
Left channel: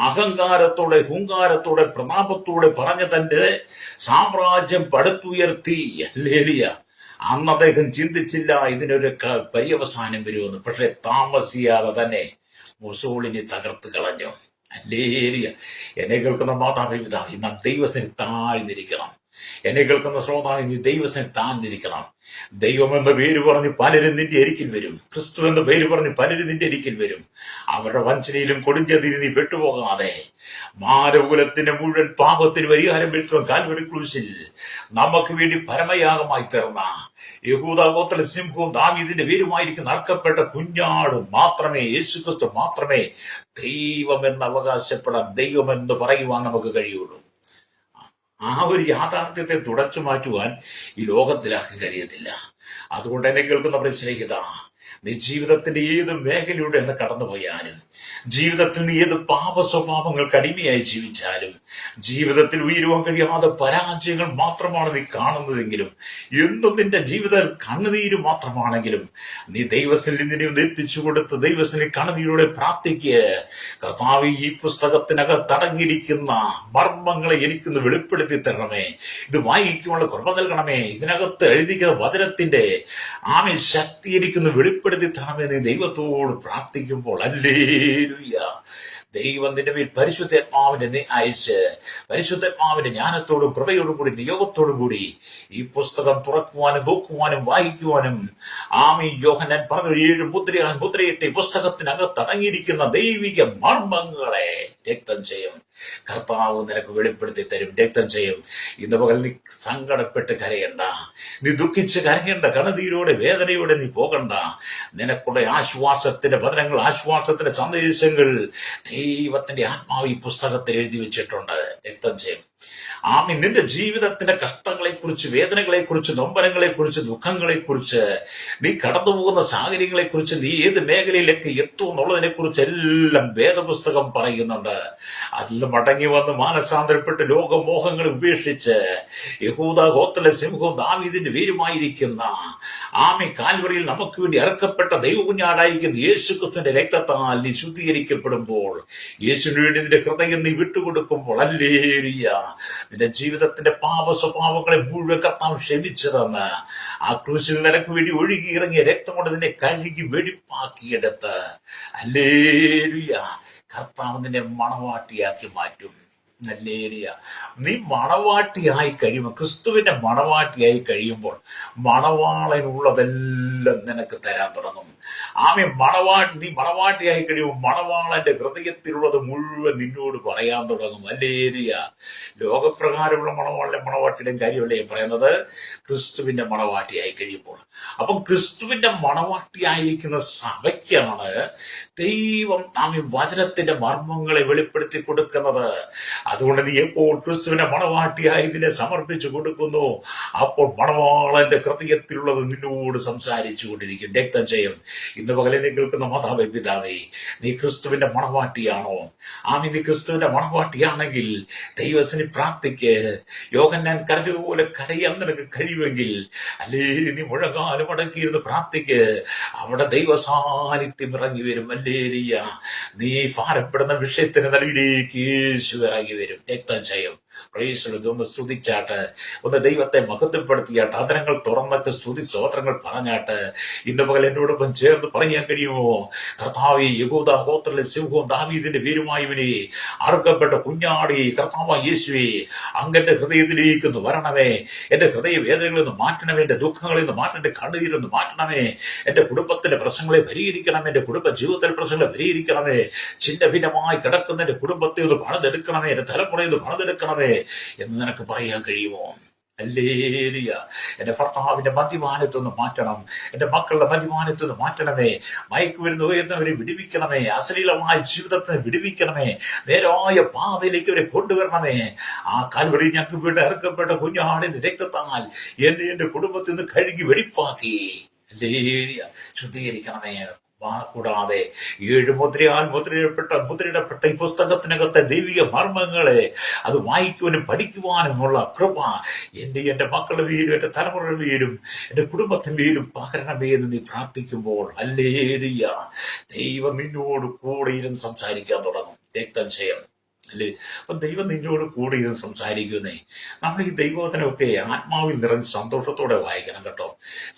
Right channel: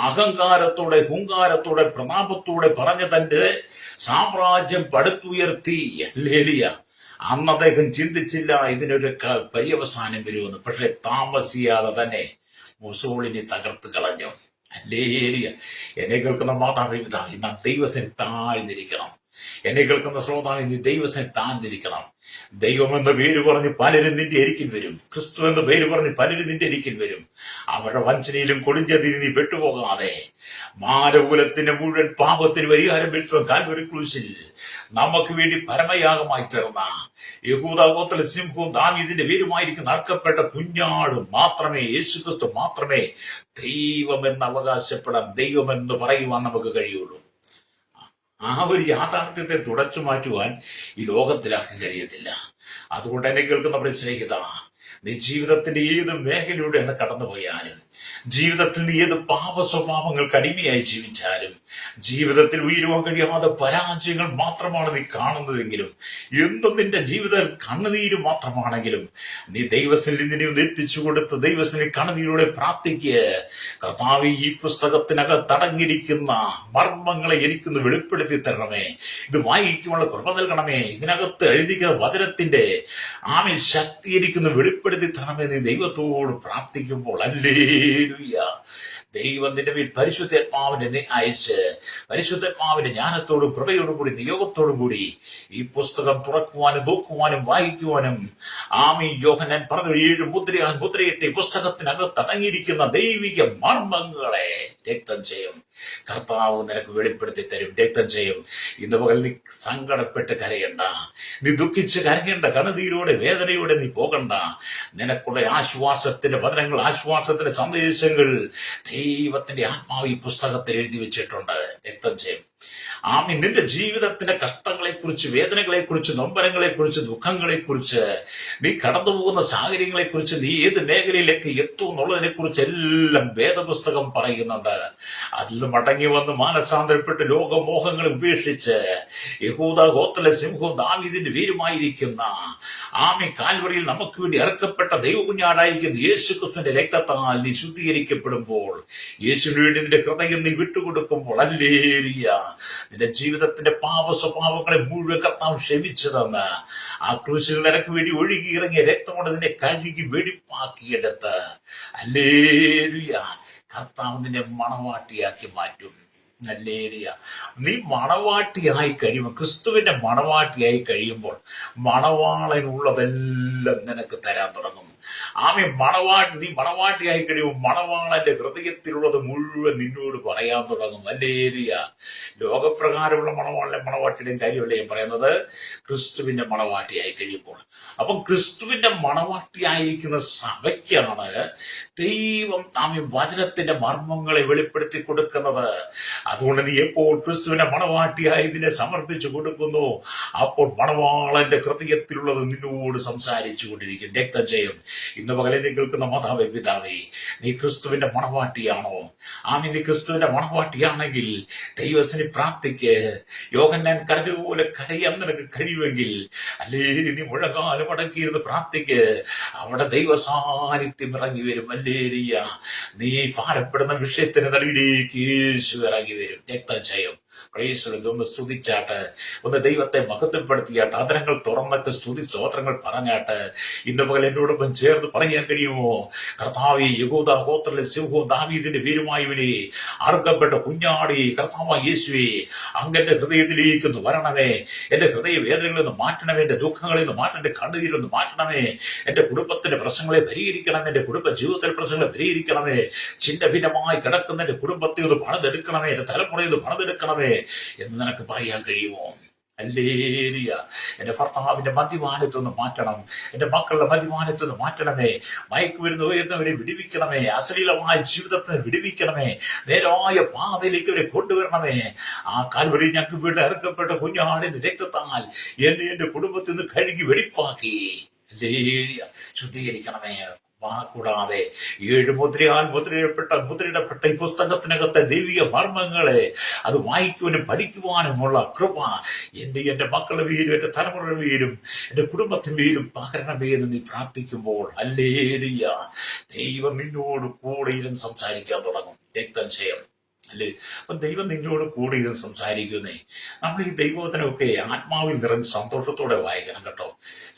അഹങ്കാരത്തോടെ, ഹുങ്കാരത്തോടെ, പ്രതാപത്തോടെ പറഞ്ഞ തന്റെ സാമ്രാജ്യം പടുത്തുയർത്തി. ഹല്ലേലൂയ. അന്ന് അദ്ദേഹം ചിന്തിച്ചില്ല ഇതിനൊരു പര്യവസാനം വരുമെന്ന്. പക്ഷെ താമസിയാതെ തന്നെ മുസോളിനി തകർത്ത് കളഞ്ഞു. ഹല്ലേലൂയ. എന്നെ കേൾക്കുന്ന മാതാപിതാവ്, നാം ദൈവത്തിന് താഴ്ന്നിരിക്കണം. എന്നെ കേൾക്കുന്ന ശ്രോതാവ്, നീ ദൈവത്തിന് താഴ്ന്നിരിക്കണം. ദൈവം എന്ന പേര് പറഞ്ഞ് പലരും നിന്റെ അരികിൽ വരും. ക്രിസ്തു എന്ന പേര് പറഞ്ഞ് പലരും നിന്റെ അരികിൽ വരും. അവരുടെ വഞ്ചനയിലും കൊടുഞ്ചതിന് നീ പെട്ടുപോകാതെ മാനവകുലത്തിന്റെ മുഴുവൻ പാപത്തിന് പരിഹാരം വരുത്തുവാൻ കാൽവരി ക്രൂശിൽ നമുക്ക് വേണ്ടി പരമയാഗമായി തീർന്ന യഹൂദാ ഗോത്ര സിംഹവും ദാവീദിന്റെ പേരുമായിരിക്കുന്ന അർക്കപ്പെട്ട കുഞ്ഞാടും മാത്രമേ, യേശുക്രിസ്തു മാത്രമേ ദൈവമെന്ന് അവകാശപ്പെടാൻ, ദൈവമെന്ന് പറയുവാൻ നമുക്ക് കഴിയുള്ളൂ. ആ ഒരു യാഥാർത്ഥ്യത്തെ തുടച്ചു മാറ്റുവാൻ ഈ ലോകത്തിലാക്കി കഴിയത്തില്ല. അതുകൊണ്ട് എന്നെ കേൾക്കുന്നവരെ സ്നേഹിത, നീ ജീവിതത്തിന്റെ ഏത് മേഖലയുടെ എന്ന് കടന്നുപോയാലും, ജീവിതത്തിൽ നീ ഏത് പാപ സ്വഭാവങ്ങൾക്ക് അടിമയായി ജീവിച്ചാലും, ജീവിതത്തിൽ ഉയരുവാൻ കഴിയാതെ പരാജയങ്ങൾ മാത്രമാണ് നീ കാണുന്നതെങ്കിലും, എന്തും നിന്റെ ജീവിതത്തിൽ കണ്ണുനീര് മാത്രമാണെങ്കിലും, നീ ദൈവത്തിൽ നിന്നെ ഏൽപ്പിച്ചു കൊടുത്ത് ദൈവത്തിന് കണ്ണുനീരോടെ പ്രാർത്ഥിക്കുക. കർത്താവ്, ഈ പുസ്തകത്തിനകത്തടങ്ങിയിരിക്കുന്ന മർമ്മങ്ങളെ എനിക്കൊന്ന് വെളിപ്പെടുത്തി തരണമേ, ഇത് വായിക്കുവാനുള്ള കൃപ നൽകണമേ, ഇതിനകത്ത് എഴുതിക്കുന്ന വചനത്തിന്റെ ശക്തി എനിക്കൊന്ന് വെളിപ്പെടുത്തി തരണമേ. നീ ദൈവത്തോട് പ്രാർത്ഥിക്കുമ്പോൾ, ഹല്ലേലൂയ, ദൈവം നിന്റെ മേൽ പരിശുദ്ധാത്മാവിനെ അയച്ച് പരിശുദ്ധാത്മാവിന്റെ ജ്ഞാനത്തോടും കൃപയോടും കൂടി നിയോഗത്തോടും കൂടി ഈ പുസ്തകം തുറക്കുവാനും നോക്കുവാനും വായിക്കുവാനും യോഹന്നാൻ പറഞ്ഞു, 7 മുദ്രയാൽ മുദ്രയിട്ട് പുസ്തകത്തിനകത്ത് അടങ്ങിയിരിക്കുന്ന ദൈവിക മർമ്മങ്ങളെ രക്തം ചെയ്യും കർത്താവ് നിനക്ക് വെളിപ്പെടുത്തി തരും. രക്തം ചെയ്യും. ഇന്ന് പകൽ നീ സങ്കടപ്പെട്ട് കരയണ്ട, നീ ദുഃഖിച്ച് കരയേണ്ട, കണ്ണുനീരോടെ വേദനയോടെ നീ പോകണ്ട. നിനക്കുള്ള ആശ്വാസത്തിന്റെ വചനങ്ങൾ, ആശ്വാസത്തിന്റെ സന്ദേശങ്ങൾ ദൈവത്തിന്റെ ആത്മാവ് ഈ പുസ്തകത്തിൽ എഴുതി വെച്ചിട്ടുണ്ട്. രക്തം ചെയ്യും. നിന്റെ ജീവിതത്തിന്റെ കഷ്ടങ്ങളെക്കുറിച്ച്, വേദനകളെക്കുറിച്ച്, നൊമ്പരങ്ങളെക്കുറിച്ച്, ദുഃഖങ്ങളെക്കുറിച്ച്, നീ കടന്നുപോകുന്ന സാഹചര്യങ്ങളെക്കുറിച്ച്, നീ ഏത് മേഖലയിലേക്ക് എത്തും എന്നുള്ളതിനെ കുറിച്ച് എല്ലാം വേദപുസ്തകം പറയുന്നുണ്ട്. അതിൽ മടങ്ങി വന്ന് മാനസാന്തരപ്പെട്ട് ലോകമോഹങ്ങൾ ഉപേക്ഷിച്ച് യഹൂദാ ഗോത്ര സിംഹവും ദാവീദിന്റെ പേരുമായിരിക്കുന്ന കാൽവറിയിൽ നമുക്ക് വേണ്ടി ഇറക്കപ്പെട്ട ദൈവകുഞ്ഞാടായിരിക്കുന്ന യേശുക്രിസ്തുവിന്റെ രക്തത്താൽ നീ ശുദ്ധീകരിക്കപ്പെടുമ്പോൾ, യേശുവിന് വേണ്ടി നിന്റെ ഹൃദയം നീ വിട്ടുകൊടുക്കുമ്പോൾ, ഹല്ലേലൂയ, നിന്റെ ജീവിതത്തിന്റെ പാപ സ്വഭാവങ്ങളെ മുഴുവൻ കർത്താവ് ക്ഷമിച്ചതെന്ന് ആ ക്രൂശിൽ നിനക്ക് വേണ്ടി ഒഴുകിയിറങ്ങിയ രക്തം കൊണ്ട് നിന്നെ കഴുകി വെടിപ്പാക്കിയെടുത്ത്, ഹല്ലേലൂയ, കർത്താവ് നിന്നെ മണവാട്ടിയാക്കി മാറ്റും. ഹല്ലേലൂയ. നീ മണവാട്ടിയായി കഴിയുമ്പോൾ, ക്രിസ്തുവിന്റെ മണവാട്ടിയായി കഴിയുമ്പോൾ, മണവാളനുള്ളതെല്ലാം നിനക്ക് തരാൻ തുടങ്ങും. നീ മണവാട്ടിയായി കഴിയുമ്പോൾ മണവാളന്റെ ഹൃദയത്തിലുള്ളത് മുഴുവൻ നിന്നോട് പറയാൻ തുടങ്ങും. ഹല്ലേലൂയ. ലോകപ്രകാരമുള്ള മണവാട്ടിയുടെയും കാര്യമല്ലേ പറയുന്നത്, ക്രിസ്തുവിന്റെ മണവാട്ടിയായി കഴിയുമ്പോൾ. അപ്പം ക്രിസ്തുവിന്റെ മണവാട്ടിയായിരിക്കുന്ന സഭയ്ക്കാണ് ദൈവം വചനത്തിന്റെ മർമ്മങ്ങളെ വെളിപ്പെടുത്തി കൊടുക്കുന്നത്. അതുകൊണ്ട് നീ എപ്പോൾ ക്രിസ്തുവിനെ മണവാട്ടിയായി ഇതിനെ സമർപ്പിച്ചു കൊടുക്കുന്നു, അപ്പോൾ മണവാളന്റെ ഹൃദയത്തിലുള്ളത് നിന്നോട് സംസാരിച്ചു കൊണ്ടിരിക്കും. രക്തം ചെയ്യും. ഇന്ന് പകലെ നീ കേൾക്കുന്ന മാതാവേ, പിതാവേ, നീ ക്രിസ്തുവിന്റെ മണവാട്ടിയാണോ? നീ ക്രിസ്തുവിന്റെ മണവാട്ടിയാണെങ്കിൽ ദൈവത്തിന് പ്രാർത്ഥിക്ക്. യോഹന്നാൻ കരഞ്ഞതുപോലെ കരയാൻ നിനക്ക് കഴിയുമെങ്കിൽ അല്ലേ, നീ മുഴങ്ങാലും അടക്കിയിരുന്ന് പ്രാർത്ഥിക്ക്. അവിടെ ദൈവ സാന്നിധ്യം ഇറങ്ങി വരും. അല്ലേലിയ, നീ ഭാരപ്പെടുന്ന വിഷയത്തിന് നടുവിലേക്ക് യേശു ഇറങ്ങി വരും. രക്തം ചെയ്യും. ഒന്ന് സ്തുതിച്ചാട്ട്, ഒന്ന് ദൈവത്തെ മഹത്വപ്പെടുത്തിയാട്ട്, അതരങ്ങൾ തുറന്നിട്ട് സ്തുതി സ്തോത്രങ്ങൾ പറഞ്ഞാട്ട് ഇന്ന് പകൽ എന്നോടൊപ്പം ചേർന്ന് പറയാൻ കഴിയുമോ? കർത്താവേ, യഹൂദ ഗോത്രത്തിലെ സിംഹവും ദാവീദിന്റെ വീരുമായവനെ, അറുക്കപ്പെട്ട കുഞ്ഞാടി കർത്താവായ യേശുവേ, അങ്ങന്റെ ഹൃദയത്തിലേക്ക് ഒന്ന് വരണമേ. എന്റെ ഹൃദയ വേദനകളിൽ നിന്ന് മാറ്റണമേ, എന്റെ ദുഃഖങ്ങളിൽ നിന്ന് മാറ്റണം, എന്റെ കണ്ണീരൊന്ന് മാറ്റണമേ, എന്റെ കുടുംബത്തിന്റെ പ്രശ്നങ്ങളെ പരിഹരിക്കണമേ, എന്റെ കുടുംബ ജീവിതത്തിലെ പ്രശ്നങ്ങളെ പരിഹരിക്കണമേ, ചിന്ന ഭിന്നമായി കിടക്കുന്ന എന്റെ കുടുംബത്തെ ഒന്ന് പണിതെടുക്കണമേ, എന്റെ തലമുറയെ ഒന്ന് പണിതെടുക്കണമേ എന്ന് നിനക്ക് പറയാൻ കഴിയുമോ? അല്ലേലിയ. എന്റെ ഭർത്താവിന്റെ മദ്യപാനത്തൊന്ന് മാറ്റണം, എന്റെ മക്കളുടെ മദ്യപാനത്തൊന്ന് മാറ്റണമേ, മയക്കുമരുന്ന് എന്നവരെ വിടുവിക്കണമേ, അശ്ലീലമായ ജീവിതത്തെ വിടുവിക്കണമേ, നേരായ പാതയിലേക്ക് അവരെ കൊണ്ടുവരണമേ. ആ കാൽവരി ഞങ്ങൾക്ക് വീണ്ടും ഇറക്കപ്പെട്ട കുഞ്ഞാടിന്റെ രക്തത്താൽ എന്റെ കുടുംബത്തിൽ നിന്ന് കഴുകി വെടിപ്പാക്കി അല്ലേലിയ ശുദ്ധീകരിക്കണമേ. കൂടാതെ 7 മുദ്രയാൽ മുദ്രയിടപ്പെട്ട ഈ പുസ്തകത്തിനകത്തെ ദൈവിക മർമ്മങ്ങളെ അത് വായിക്കുവാനും പഠിക്കുവാനുമുള്ള കൃപ എന്റെ മക്കളുടെ പേരും എന്റെ തലമുറയുടെ പേരും എന്റെ കുടുംബത്തിന്റെ പേരും പകരണമേ എന്ന് നീ പ്രാർത്ഥിക്കുമ്പോൾ അല്ലേലിയ, ദൈവം നിന്നോട് കൂടെ ഇരുന്ന് സംസാരിക്കാൻ തുടങ്ങും. രക്തം ചെയ്യണം അല്ലേ? അപ്പൊ ദൈവം നിന്നോട് കൂടെ ഇത് സംസാരിക്കുന്നേ. നമ്മൾ ഈ ദൈവവചനമൊക്കെ ആത്മാവിൽ നിറഞ്ഞ് സന്തോഷത്തോടെ വായിക്കണം കേട്ടോ.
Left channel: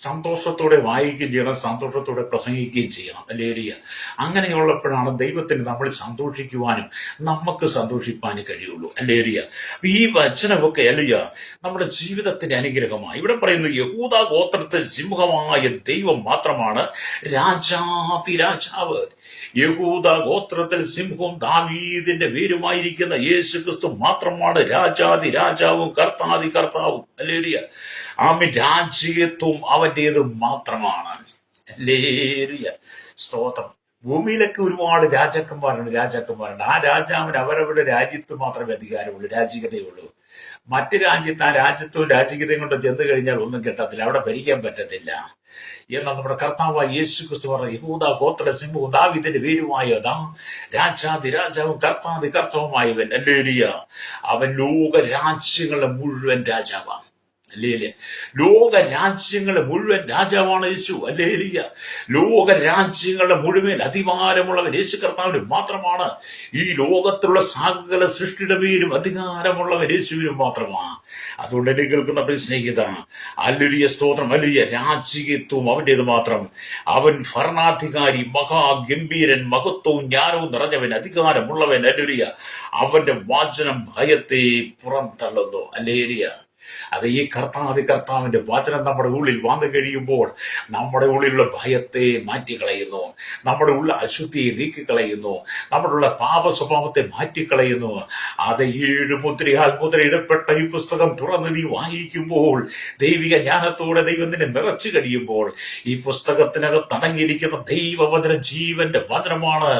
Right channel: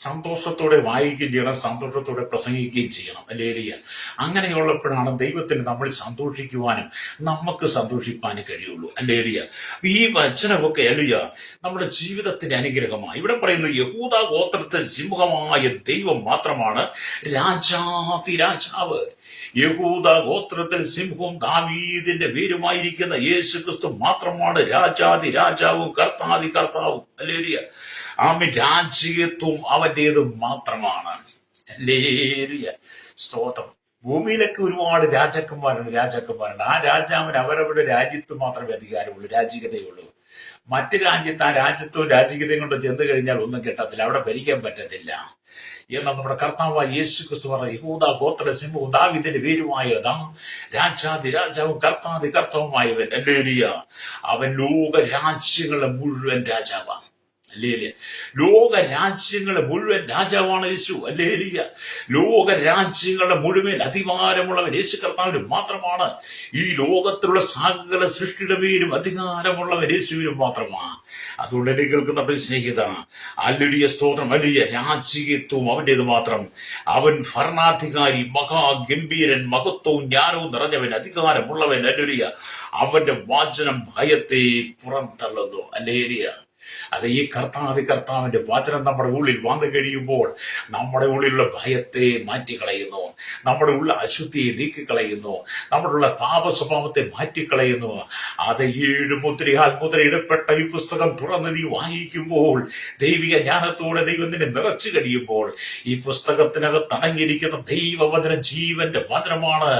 സന്തോഷത്തോടെ വായിക്കുകയും ചെയ്യണം, സന്തോഷത്തോടെ പ്രസംഗിക്കുകയും ചെയ്യണം. അല്ലേലിയ. അങ്ങനെയുള്ളപ്പോഴാണ് ദൈവത്തിന് നമ്മൾ സന്തോഷിക്കുവാനും നമുക്ക് സന്തോഷിപ്പാനും കഴിയുള്ളൂ. അല്ലേലിയ. ഈ വചനമൊക്കെ അല്ലിയ നമ്മുടെ ജീവിതത്തിന്റെ അനുഗ്രഹമായി. ഇവിടെ പറയുന്നു, യഹൂദ ഗോത്രത്തിൽ സിംഹമായ ദൈവം മാത്രമാണ് രാജാതിരാജാവ്. യഹൂദ ഗോത്രത്തിൽ സിംഹവും ദാവീദിന്റെ പേരുമായിരിക്കുന്ന യേശു ക്രിസ്തു മാത്രമാണ് രാജാതിരാജാവും കർത്താതി കർത്താവും. അല്ലേലിയ. രാജ്യത്വം അവന്റേത് മാത്രമാണ്. അല്ലേലിയ. സ്തോത്രം. ഭൂമിയിലൊക്കെ ഒരുപാട് രാജാക്കന്മാരുണ്ട്. ആ രാജാവിന് അവരവരുടെ രാജ്യത്ത് മാത്രമേ അധികാരമുള്ളൂ, രാജ്യതയുള്ളൂ. മറ്റു രാജ്യത്ത് ആ രാജ്യത്വവും രാജ്യതയും കൊണ്ട് ചെന്ന് കഴിഞ്ഞാൽ ഒന്നും കിട്ടത്തില്ല, അവിടെ ഭരിക്കാൻ പറ്റത്തില്ല. എന്നാൽ നമ്മുടെ കർത്താവായ യേശു ക്രിസ്തു പറഞ്ഞ യഹൂദ ഗോത്ര സിംഹവും ദാവീദിന്റെ പേരുമായ രാജാതിരാജാവും കർത്താതി കർത്താവുമായവൻ അല്ലേലിയ, അവൻ ലോക രാജ്യങ്ങളുടെ മുഴുവൻ രാജാവാണ്. അല്ലേലിയ. ലോക രാജ്യങ്ങളുടെ മുഴുവൻ രാജാവാണ് യേശു. അല്ലേലിയ. ലോക രാജ്യങ്ങളുടെ മുഴുവൻ അധികാരമുള്ളവൻ യേശു കർത്താവിന് മാത്രമാണ്. ഈ ലോകത്തിലുള്ള സകല സൃഷ്ടിയുടെ പേരും അധികാരമുള്ളവൻ യേശുവിനും മാത്രമാണ്. അതുകൊണ്ട് എന്നെ കേൾക്കുന്ന സ്നേഹിത, അല്ലേലിയ, സ്തോത്രം. അല്ലേലിയ. രാജ്യത്വം അവന്റേത് മാത്രം. അവൻ ഭരണാധികാരി, മഹാഗംഭീരൻ, മഹത്വവും ജ്ഞാനവും നിറഞ്ഞവൻ, അധികാരമുള്ളവൻ. അല്ലേലിയ. അവന്റെ വാചനം ഭയത്തെ പുറന്തള്ളുന്നു. അല്ലേലിയ. അത് ഈ കർത്താവിന്റെ വചനം നമ്മുടെ ഉള്ളിൽ വന്നു കഴിയുമ്പോൾ നമ്മുടെ ഉള്ളിലുള്ള ഭയത്തെ മാറ്റിക്കളയുന്നു, നമ്മുടെ ഉള്ള അശുദ്ധിയെ നീക്കിക്കളയുന്നു, നമ്മുടെ ഉള്ള പാപ സ്വഭാവത്തെ മാറ്റിക്കളയുന്നു. അത് 7 മുദ്രയാൽ മുദ്രയിടപ്പെട്ട ഈ പുസ്തകം തുറന്ന് നീ വായിക്കുമ്പോൾ, ദൈവിക ജ്ഞാനത്തോടെ ദൈവം നിന്നെ നിറച്ചു കഴിയുമ്പോൾ, ഈ പുസ്തകത്തിനകത്ത് അടങ്ങിയിരിക്കുന്ന ദൈവവചനം ജീവന്റെ വചനമാണ്.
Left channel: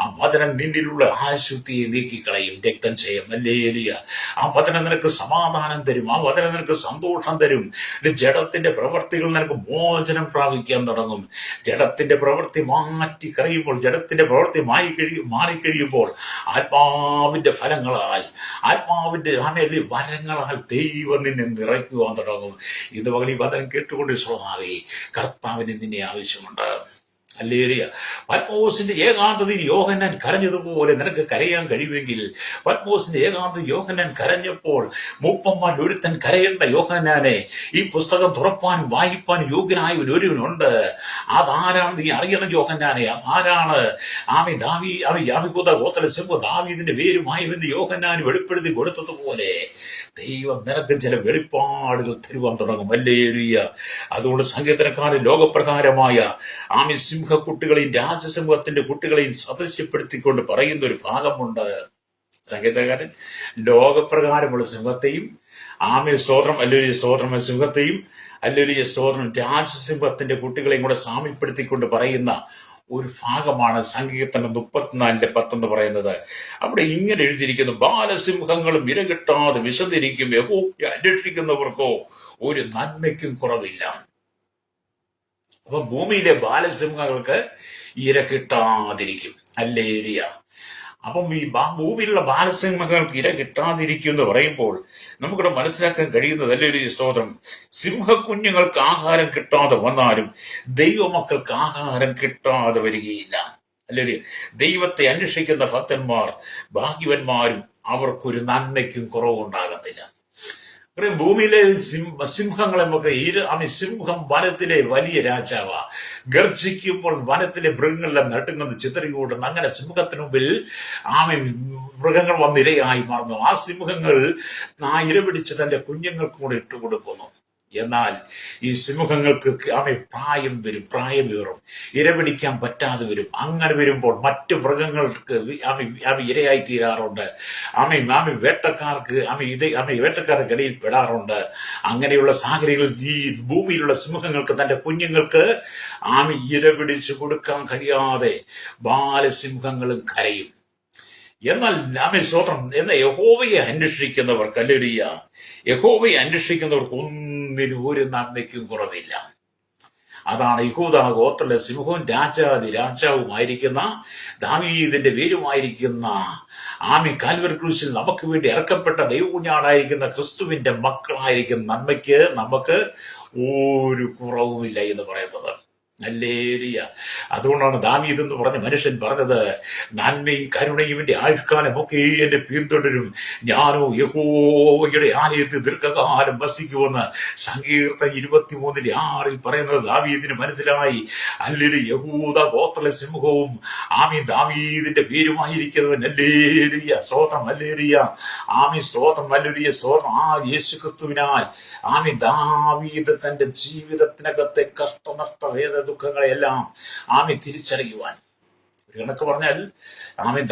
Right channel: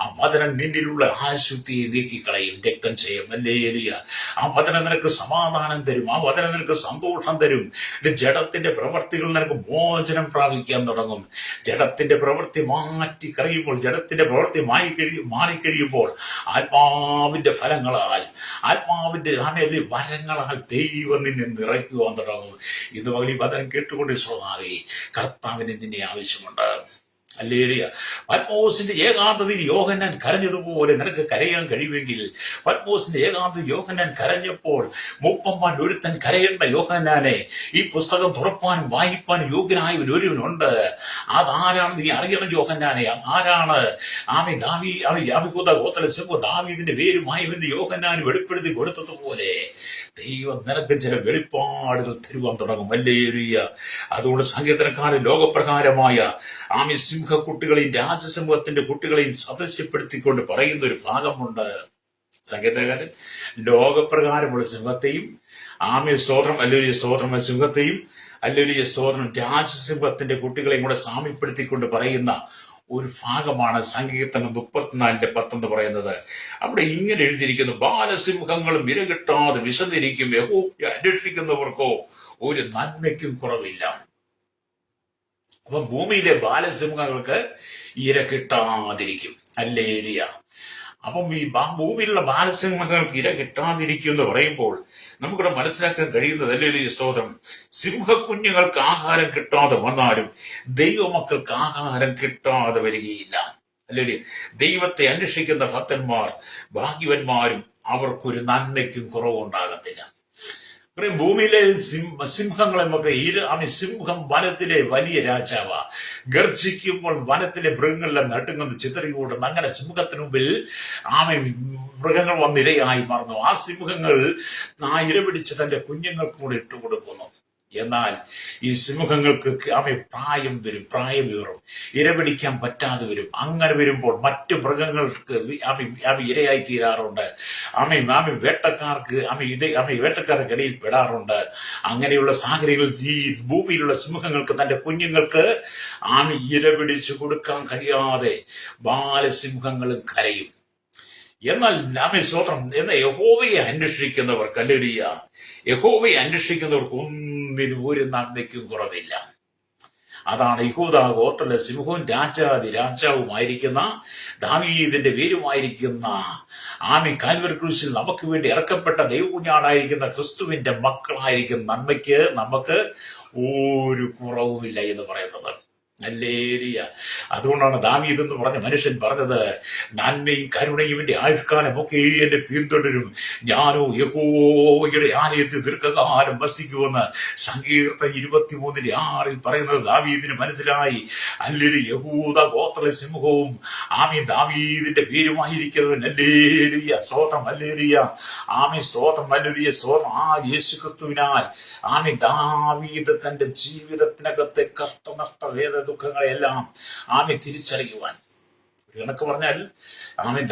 ആ വചനം നിന്നിലുള്ള അശുദ്ധിയെ നീക്കിക്കളയും. രക്തം ചെയ്യും. അല്ലേലിയ. ആ വചനം നിനക്ക് സമാധാനം തരും. ആ വചനം നിനക്ക് സന്തോഷം തരും. ജഡത്തിന്റെ പ്രവൃത്തികൾ നിനക്ക് മോചനം പ്രാപിക്കാൻ തുടങ്ങും. ജഡത്തിന്റെ പ്രവൃത്തി മാറ്റി കഴിയുമ്പോൾ, ജഡത്തിന്റെ പ്രവൃത്തി മാറിക്കഴിയുമ്പോൾ ആത്മാവിന്റെ ഫലങ്ങളാൽ, ആത്മാവിന്റെ വരങ്ങളാൽ ദൈവം നിന്നെ നിറയ്ക്കുവാൻ തുടങ്ങും. ഇത് പകൽ ഈ വചനം കേട്ടുകൊണ്ട് ശ്രോതാവേ, കർത്താവിന് നിന്നെ ആവശ്യമുണ്ട്. അല്ലേലിയ. പത്മോസിന്റെ ഏകാന്തതയിൽ യോഹന്നാൻ കരഞ്ഞതുപോലെ നിനക്ക് കരയാൻ കഴിയുമെങ്കിൽ, പത്മോസിന്റെ ഏകാന്തതയിൽ യോഹന്നാൻ കരഞ്ഞപ്പോൾ മൂപ്പന്മാർ ഒരുത്തൻ കരയേണ്ട യോഹന്നാനെ ഈ പുസ്തകം തുറപ്പാൻ വായിപ്പാൻ യോഗ്യനായ ഒരുവനുണ്ട്. അതാരാണ് നീ അറിയണം. യോഹന്നാനെ ആരാണ്? ദാവീദിന്റെ പേരുമായി യോഹന്നാൻ വെളിപ്പെടുത്തി കൊടുത്തതുപോലെ ദൈവം നിനക്ക് ചില വെളിപ്പാടുകൾ തരുവാൻ തുടങ്ങും. അല്ലേലൂയ. അതുകൊണ്ട് സങ്കീർത്തനക്കാരൻ ലോകപ്രകാരമായ സിംഹക്കുട്ടികളെയും രാജസിംഹത്തിന്റെ കുട്ടികളെയും സദൃശ്യപ്പെടുത്തിക്കൊണ്ട് പറയുന്ന ഒരു ഭാഗമുണ്ട്. സങ്കീർത്തനക്കാരൻ ലോകപ്രകാരമുള്ള സിംഹത്തെയും സ്തോത്രം അല്ലേലൂയ, സ്തോത്രം സിംഹത്തെയും അല്ലേലൂയ, സ്തോത്രം രാജസിംഹത്തിന്റെ കുട്ടികളെയും കൂടെ സാമ്യപ്പെടുത്തിക്കൊണ്ട് പറയുന്ന ഒരു ഭാഗമാണ് സങ്കീർത്തനം 34:10 എന്ന് പറയുന്നത്. അവിടെ ഇങ്ങനെ എഴുതിയിരിക്കുന്നു: ബാലസിംഹങ്ങളും ഇരകിട്ടാതെ വിശന്നിരിക്കും, യഹോവയെ അന്വേഷിക്കുന്നവർക്കോ ഒരു നന്മയ്ക്കും കുറവില്ല. അപ്പൊ ഭൂമിയിലെ ബാലസിംഹങ്ങൾക്ക് ഇര കിട്ടാതിരിക്കും. ഹല്ലേലൂയ. അപ്പം ഈ ഭൂമിയിലുള്ള ബാലസിംഹങ്ങൾക്ക് ഇര കിട്ടാതിരിക്കും എന്ന് പറയുമ്പോൾ നമുക്കിവിടെ മനസ്സിലാക്കാൻ കഴിയുന്നത്, ഹല്ലേലൂയ സ്തോത്രം, സിംഹക്കുഞ്ഞുങ്ങൾക്ക് ആഹാരം കിട്ടാതെ വന്നാലും ദൈവമക്കൾക്ക് ആഹാരം കിട്ടാതെ വരികയില്ല. ഹല്ലേലൂയ. ദൈവത്തെ അന്വേഷിക്കുന്ന ഭക്തന്മാർ ഭാഗ്യവന്മാരും, അവർക്കൊരു നന്മയ്ക്കും കുറവുണ്ടാകത്തില്ല. ഭൂമിയിലെ സിംഹങ്ങളെ നമുക്ക് സിംഹം വനത്തിലെ വലിയ രാജാവാ. ഗർജിക്കുമ്പോൾ വനത്തിലെ മൃഗങ്ങളെല്ലാം നടുങ്ങുന്നത്, ചിതറിയോടുന്നു. അങ്ങനെ സിംഹത്തിന് മുമ്പിൽ മൃഗങ്ങൾ വന്നിരയായി മാറുന്നു. ആ സിംഹങ്ങൾ ഇരപിടിച്ച് തന്റെ കുഞ്ഞുങ്ങൾക്ക് കൂടെ ഇട്ടുകൊടുക്കുന്നു. എന്നാൽ ഈ സിംഹങ്ങൾക്ക് പ്രായം ഏറും, ഇരപിടിക്കാൻ പറ്റാതെ വരും. അങ്ങനെ വരുമ്പോൾ മറ്റു മൃഗങ്ങൾക്ക് ഇരയായി തീരാറുണ്ട്. വേട്ടക്കാർക്ക് ഇടയിൽ പെടാറുണ്ട്. അങ്ങനെയുള്ള സാഹചര്യങ്ങളിൽ ഈ ഭൂമിയിലുള്ള സിംഹങ്ങൾക്ക് തന്റെ കുഞ്ഞുങ്ങൾക്ക് ഇരപിടിച്ചു കൊടുക്കാൻ കഴിയാതെ ബാലസിംഹങ്ങളും കരയും. എന്നാൽ സ്തോത്രം, എന്നാൽ യഹോവയെ അന്വേഷിക്കുന്നവർക്ക്, ഹല്ലേലൂയ, യഹോവയെ അന്വേഷിക്കുന്നവർക്ക് ഒന്നിനും ഒരു നന്മയ്ക്കും കുറവില്ല. അതാണ് യഹൂദാ ഗോത്രത്തിലെ സിംഹവും രാജാവുമായിരിക്കുന്ന ദാവീദിന്റെ പേരുമായിരിക്കുന്ന കാൽവരി ക്രൂശിൽ നമുക്ക് വേണ്ടി ഇറക്കപ്പെട്ട ദൈവകുഞ്ഞാടായിരിക്കുന്ന ക്രിസ്തുവിന്റെ മക്കളായിരിക്കുന്ന നന്മയ്ക്ക് നമുക്ക് ഒരു കുറവുമില്ല എന്ന് പറയുന്നത്. ഹല്ലേലൂയ. അതുകൊണ്ടാണ് ദാവീദ് എന്ന് പറഞ്ഞ മനുഷ്യൻ പറഞ്ഞത്, നന്മയും കരുണയും എന്റെ ആയുഷ്കാലമൊക്കെ എന്നെ പിന്തുടരും, ഞാനോ യഹോവയുടെ ആലയത്തിൽ ദീർഘകാലം വസിക്കുമെന്ന് സങ്കീർത്തനം 23:6 പറയുന്നത് ദാവീദിന് മനസ്സിലായി. ഹല്ലേലൂയ. യഹൂദ ഗോത്ര സിംഹവും ദാവീദിന്റെ പേരുമായിരിക്കുന്നവൻ. ഹല്ലേലൂയ സ്തോത്രം, ഹല്ലേലൂയ, സ്തോത്രം, ഹല്ലേലൂയ സ്തോത്രം. യേശുക്രിസ്തുവിനാൽ ദാവീദ് തന്റെ ജീവിതത്തിനകത്തെ കഷ്ടനഷ്ട വേദ ദുഃഖങ്ങളെല്ലാം തിരിച്ചറിയുവാൻ, ഒരു കണക്ക് പറഞ്ഞാൽ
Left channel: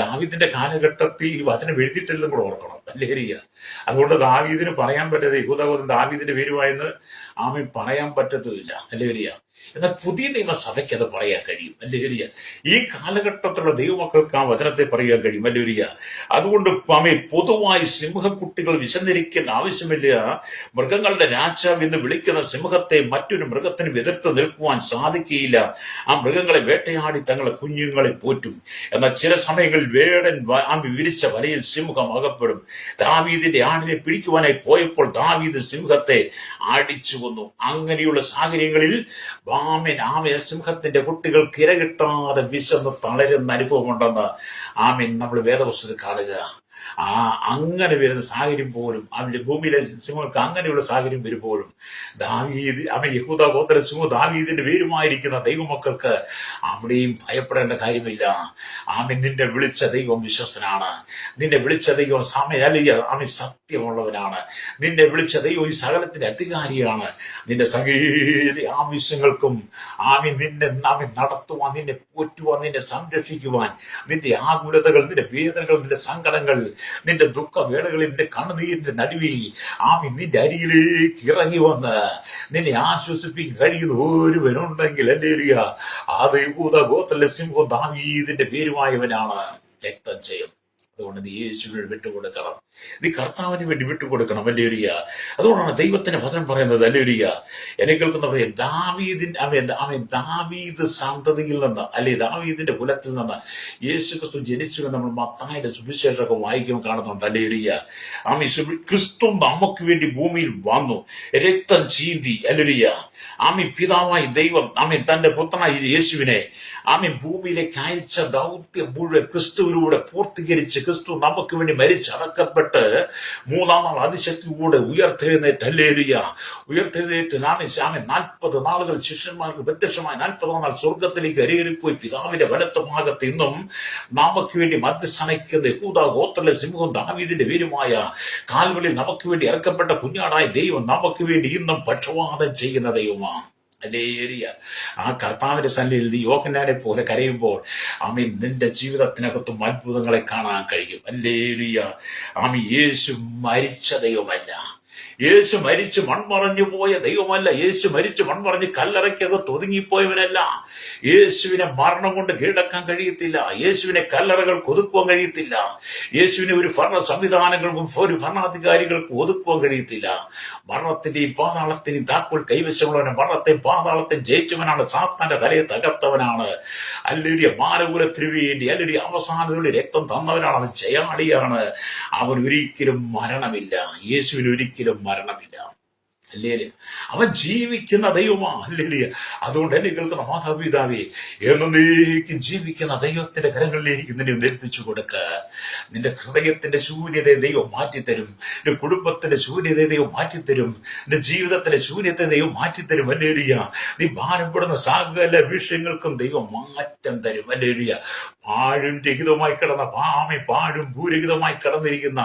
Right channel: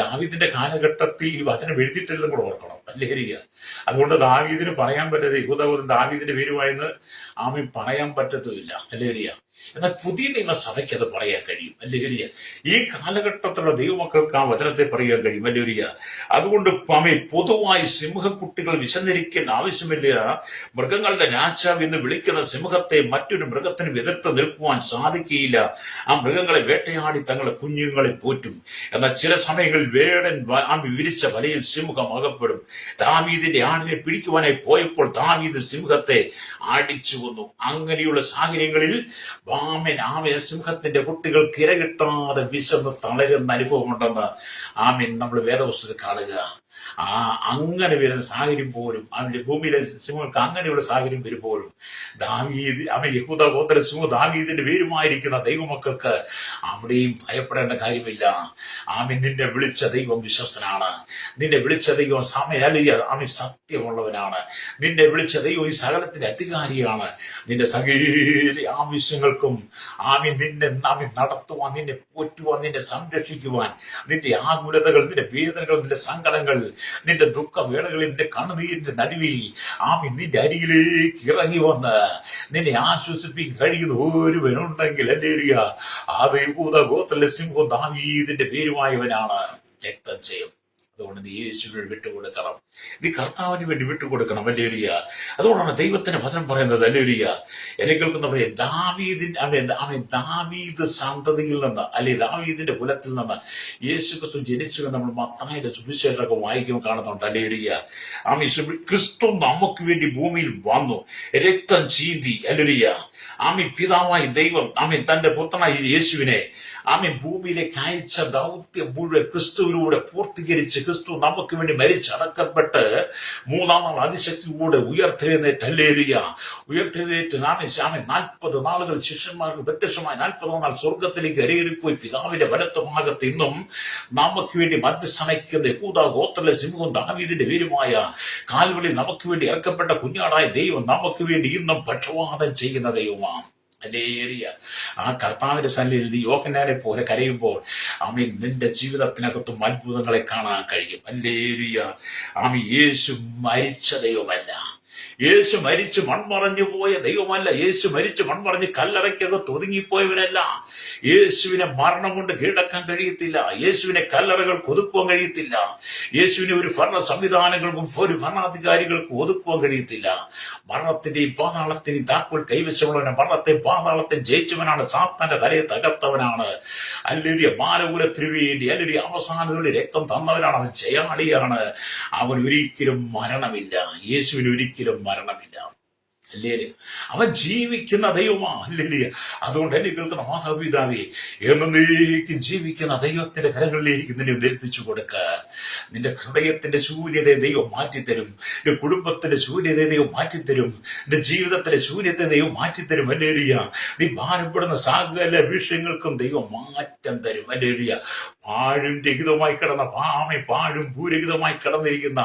ദാവീദിന്റെ കാലഘട്ടത്തിൽ ഈ വചനം എഴുതിയിട്ടില്ലെന്നും കൂടെ ഓർക്കണം. ഹല്ലേലൂയ. അതുകൊണ്ട് ദാവീദിന് പറയാൻ പറ്റത് യഹൂദഗോത്രം ദാവീദിന്റെ പേരുമായെന്ന് പറയാൻ പറ്റത്തുമില്ല. ഹല്ലേലൂയ. എന്നാൽ പുതിയ നിയമസഭയ്ക്ക് അത് പറയാൻ കഴിയും. ഹല്ലേലൂയ. ഈ കാലഘട്ടത്തിലുള്ള ദൈവമക്കൾക്ക് ആ വചനത്തെ പറയാൻ കഴിയും. ഹല്ലേലൂയ. അതുകൊണ്ട് പൊതുവായി സിംഹക്കുട്ടികൾ വിശന്നിരിക്കേണ്ട ആവശ്യമില്ല. മൃഗങ്ങളുടെ രാജാവ് എന്ന് വിളിക്കുന്ന സിംഹത്തെ മറ്റൊരു മൃഗത്തിന് എതിർത്ത് നിൽക്കുവാൻ സാധിക്കുകയില്ല. ആ മൃഗങ്ങളെ വേട്ടയാടി തങ്ങളുടെ കുഞ്ഞുങ്ങളെ പോറ്റും. എന്നാൽ ചില സമയങ്ങളിൽ വേടൻ വിരിച്ച വലയിൽ സിംഹം അകപ്പെടും. ദാവീദിന്റെ ആടിനെ പിടിക്കുവാനായി പോയപ്പോൾ ദാവീദ് സിംഹത്തെ അടിച്ചു കൊന്നു. അങ്ങനെയുള്ള സാഹചര്യങ്ങളിൽ സിംഹത്തിന്റെ കുട്ടികൾക്ക് ഇര കിട്ടാതെ വിശന്ന് തളരുന്ന അനുഭവമുണ്ടെന്ന് നമ്മൾ വേദപുസ്തകത്തിൽ കാണുക. അങ്ങനെ വരുന്ന സാഹചര്യം പോലും അവന്റെ ഭൂമിയിലെ സിംഹങ്ങൾക്ക് അങ്ങനെയുള്ള സാഹചര്യം വരുമ്പോഴും ദാവീദ് യഹൂദ ഗോത്ര സിംഹം ദാവീദിന്റെ പേരുമായിരിക്കുന്ന ദൈവമക്കൾക്ക് അവിടെയും ഭയപ്പെടേണ്ട കാര്യമില്ല. നിന്നെ വിളിച്ച ദൈവം വിശ്വസ്തനാണ്. നിന്നെ വിളിച്ച ദൈവം സത്യമുള്ളവനാണ്. നിന്നെ വിളിച്ച ദൈവം ഈ സകലത്തിന്റെ അധികാരിയാണ്. നിന്റെ സകല ആവശ്യങ്ങൾക്കും നിന്നെ നടത്തുവാൻ, നിന്നെ പോറ്റുവാൻ, നിന്നെ സംരക്ഷിക്കുവാൻ, നിന്റെ ആകുലതകൾ, നിന്റെ വേദനകൾ, നിന്റെ സങ്കടങ്ങൾ, നിന്റെ ദുഃഖവേളകളിൽ, നിന്റെ കണ്ണുനീരിന്റെ നടുവിൽ നിന്റെ അരികിലേക്ക് ഇറങ്ങി വന്ന് നിന്നെ ആശ്വസിപ്പിക്കാൻ കഴിയുന്ന ഒരുവനുണ്ടെങ്കിൽ, ഹല്ലേലൂയ, അത് യഹൂദ ഗോത്രത്തിലെ സിംഹം ദാവീദിന്റെ പേരുമായവനാണ്. രക്തം ചെയ്യും. അതുകൊണ്ട് നീ യേശുവിന് വിട്ടുകൊടുക്കണം. നീ കർത്താവിന് വേണ്ടി വിട്ടുകൊടുക്കണം. ഹല്ലേലൂയ. അതുകൊണ്ടാണ് ദൈവത്തിന്റെ വചനം പറയുന്നത്. ഹല്ലേലൂയ. എന്നെ കേൾക്കുന്നവരെ, ദാവീദ് സന്തതിയിൽ നിന്ന്, ദാവീദിന്റെ കുലത്തിൽ നിന്ന് യേശുക്രിസ്തു ജനിച്ചു നമ്മൾ മത്തായിയുടെ സുവിശേഷമൊക്കെ വായിക്കുമ്പോൾ കാണുന്നുണ്ട്. ഹല്ലേലൂയ. ക്രിസ്തു നമുക്ക് വേണ്ടി ഭൂമിയിൽ വന്നു, രക്തം ചീന്തി. ഹല്ലേലൂയ. പിതാവായി ദൈവം തന്റെ പുത്രനായ യേശുവിനെ ഭൂമിയിലേക്ക് അയച്ച ദൗത്യം മുഴുവൻ ക്രിസ്തുവിലൂടെ പൂർത്തീകരിച്ച്, ക്രിസ്തു നമുക്ക് വേണ്ടി മരിച്ചടക്കപ്പെട്ട് മൂന്നാം നാൾ അതിശക്തിയോടെ ഉയർത്തെഴുന്നേറ്റ്. ഹല്ലേലൂയ. ഉയർത്തെഴുന്നേറ്റ് 40 നാളുകൾ ശിഷ്യന്മാർക്ക് പ്രത്യക്ഷമായി 40 നാൾ സ്വർഗത്തിലേക്ക് കരയേറിപ്പോയി പിതാവിന്റെ വലത്ത് ഭാഗത്ത് ഇന്നും നമുക്ക് വേണ്ടി മധ്യസ്ഥനയ്ക്കുന്ന യഹൂദ ഗോത്രത്തിലെ സിംഹവും ദാവീദിന്റെ പേരുമായ കാൽവരിയിൽ നമുക്ക് വേണ്ടി ഇറക്കപ്പെട്ട കുഞ്ഞാടായ ദൈവം നമുക്ക് വേണ്ടി ഇന്നും പക്ഷവാദം ചെയ്യുന്ന ദൈവമാണ്. ഹല്ലേലൂയ. കർത്താവിന്റെ സന്നിധിയിൽ നീ യോഹന്നാനെ പോലെ കരയുമ്പോൾ നിന്റെ ജീവിതത്തിനകത്തും അത്ഭുതങ്ങളെ കാണാൻ കഴിയും. ഹല്ലേലൂയ. യേശു മരിച്ച ദൈവമല്ല, യേശു മരിച്ച് മൺമറഞ്ഞു പോയ ദൈവമല്ല. യേശു മരിച്ച് മൺമറഞ്ഞ് കല്ലറയ്ക്കകത്ത് ഒതുങ്ങിപ്പോയവനല്ല. യേശുവിനെ മരണം കൊണ്ട് കീഴടക്കാൻ കഴിയത്തില്ല. യേശുവിനെ കല്ലറകൾ ഒതുക്കുവാൻ കഴിയത്തില്ല. യേശുവിനെ ഒരു ഭരണ സംവിധാനങ്ങൾക്കും ഒരു ഭരണാധികാരികൾക്കും ഒതുക്കുവാൻ കഴിയത്തില്ല. മരണത്തിന്റെയും പാതാളത്തിന്റെയും താക്കോൽ കൈവശമുള്ളവനെ, മരണത്തെയും പാതാളത്തെയും ജയിച്ചവനാണ്, സാത്താന്റെ തലയെ തകർത്തവനാണ്. അല്ലെങ്കിൽ മാനകുലത്തിനു വേണ്ടി അല്ലെങ്കിൽ അവസാനത്തോടെ രക്തം തന്നവനാണ്. അവൻ ജയാളിയാണ്. അവൻ ഒരിക്കലും മരണമില്ല. യേശുവിന് ഒരിക്കലും മരണമില്ല. അല്ലേ? അവൻ ജീവിക്കുന്ന ദൈവമാ. അല്ലേ? അതുകൊണ്ട് എന്നെ കേൾക്കുന്ന മാതാപിതാവേ, എന്നേക്കും ജീവിക്കുന്ന ദൈവത്തിന്റെ കരങ്ങളിലേക്ക് നിന്നെ ഏൽപ്പിച്ചു കൊടുക്ക. നിന്റെ ഹൃദയത്തിന്റെ ശൂന്യതയെ ദൈവം മാറ്റിത്തരും. നിന്റെ കുടുംബത്തിന്റെ ശൂന്യതയെ ദൈവം മാറ്റിത്തരും. നിന്റെ ജീവിതത്തിന്റെ ശൂന്യത്തെ ദൈവം മാറ്റിത്തരും. അല്ലേ? നീ ഭാരപ്പെടുന്ന സകല വിഷയങ്ങൾക്കും ദൈവം മാറ്റം തരും. അല്ലേ? പാഴും രഹിതമായി കിടന്ന പാഴും ഭൂരഹിതമായി കിടന്നിരിക്കുന്ന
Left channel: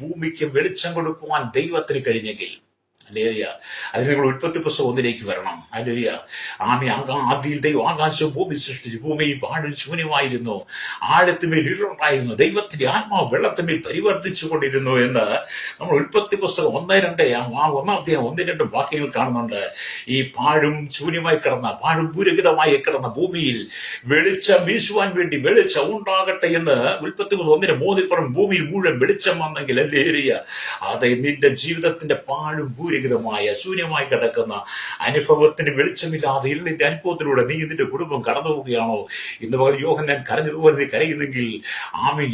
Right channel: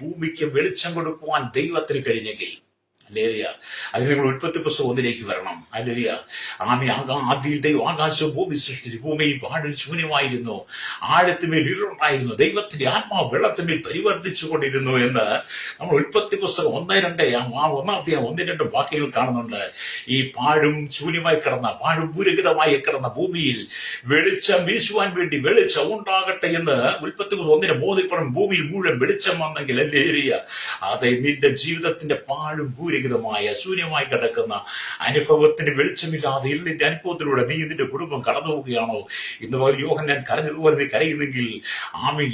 ഭൂമിക്ക് വെളിച്ചം കൊടുക്കുവാൻ ദൈവത്തിന് കഴിഞ്ഞെങ്കിൽ, അല്ലേലിയ, അത് നിങ്ങൾ ഉൽപ്പത്തി പുസ്തകം 1 വരണം. അല്ലേലിയ. ആദിയിൽ ദൈവം ആകാശവും ഭൂമി സൃഷ്ടിച്ചു. ഭൂമി പാഴും ശൂന്യമായിരുന്നു, ആഴത്തിന്മേൽ ഇരുളുണ്ടായിരുന്നു, ദൈവത്തിന്റെ ആത്മാവ് വെള്ളത്തിന്മേൽ പരിവർത്തിച്ചു കൊണ്ടിരുന്നു എന്ന് നമ്മൾ ഉൽപ്പത്തി പുസ്തകം 1:2 വാക്യങ്ങൾ കാണുന്നുണ്ട്. ഈ പാഴും ശൂന്യമായി കിടന്ന, പാഴും ഭൂരഹിതമായി കിടന്ന ഭൂമിയിൽ വെളിച്ചം വീശുവാൻ വേണ്ടി വെളിച്ചം ഉണ്ടാകട്ടെ എന്ന് ഉൽപ്പത്തി പുസ്തകം 1:3 ഭൂമിയിൽ മുഴുവൻ വെളിച്ചം വന്നെങ്കിൽ, അല്ലേലിയ, അതെ, നിന്റെ ജീവിതത്തിന്റെ പാഴും ശൂന്യമായി കിടക്കുന്ന അനുഭവത്തിന് വെളിച്ചമില്ലാതെ ഇരുളിന്റെ അനുഭവത്തിലൂടെ നീ നിന്റെ കുടുംബം കടന്നു പോവുകയാണോ? ഇന്ന് പകൽ യോഹന്നാൻ കരഞ്ഞതുപോലെ നീ കരയുന്നെങ്കിൽ,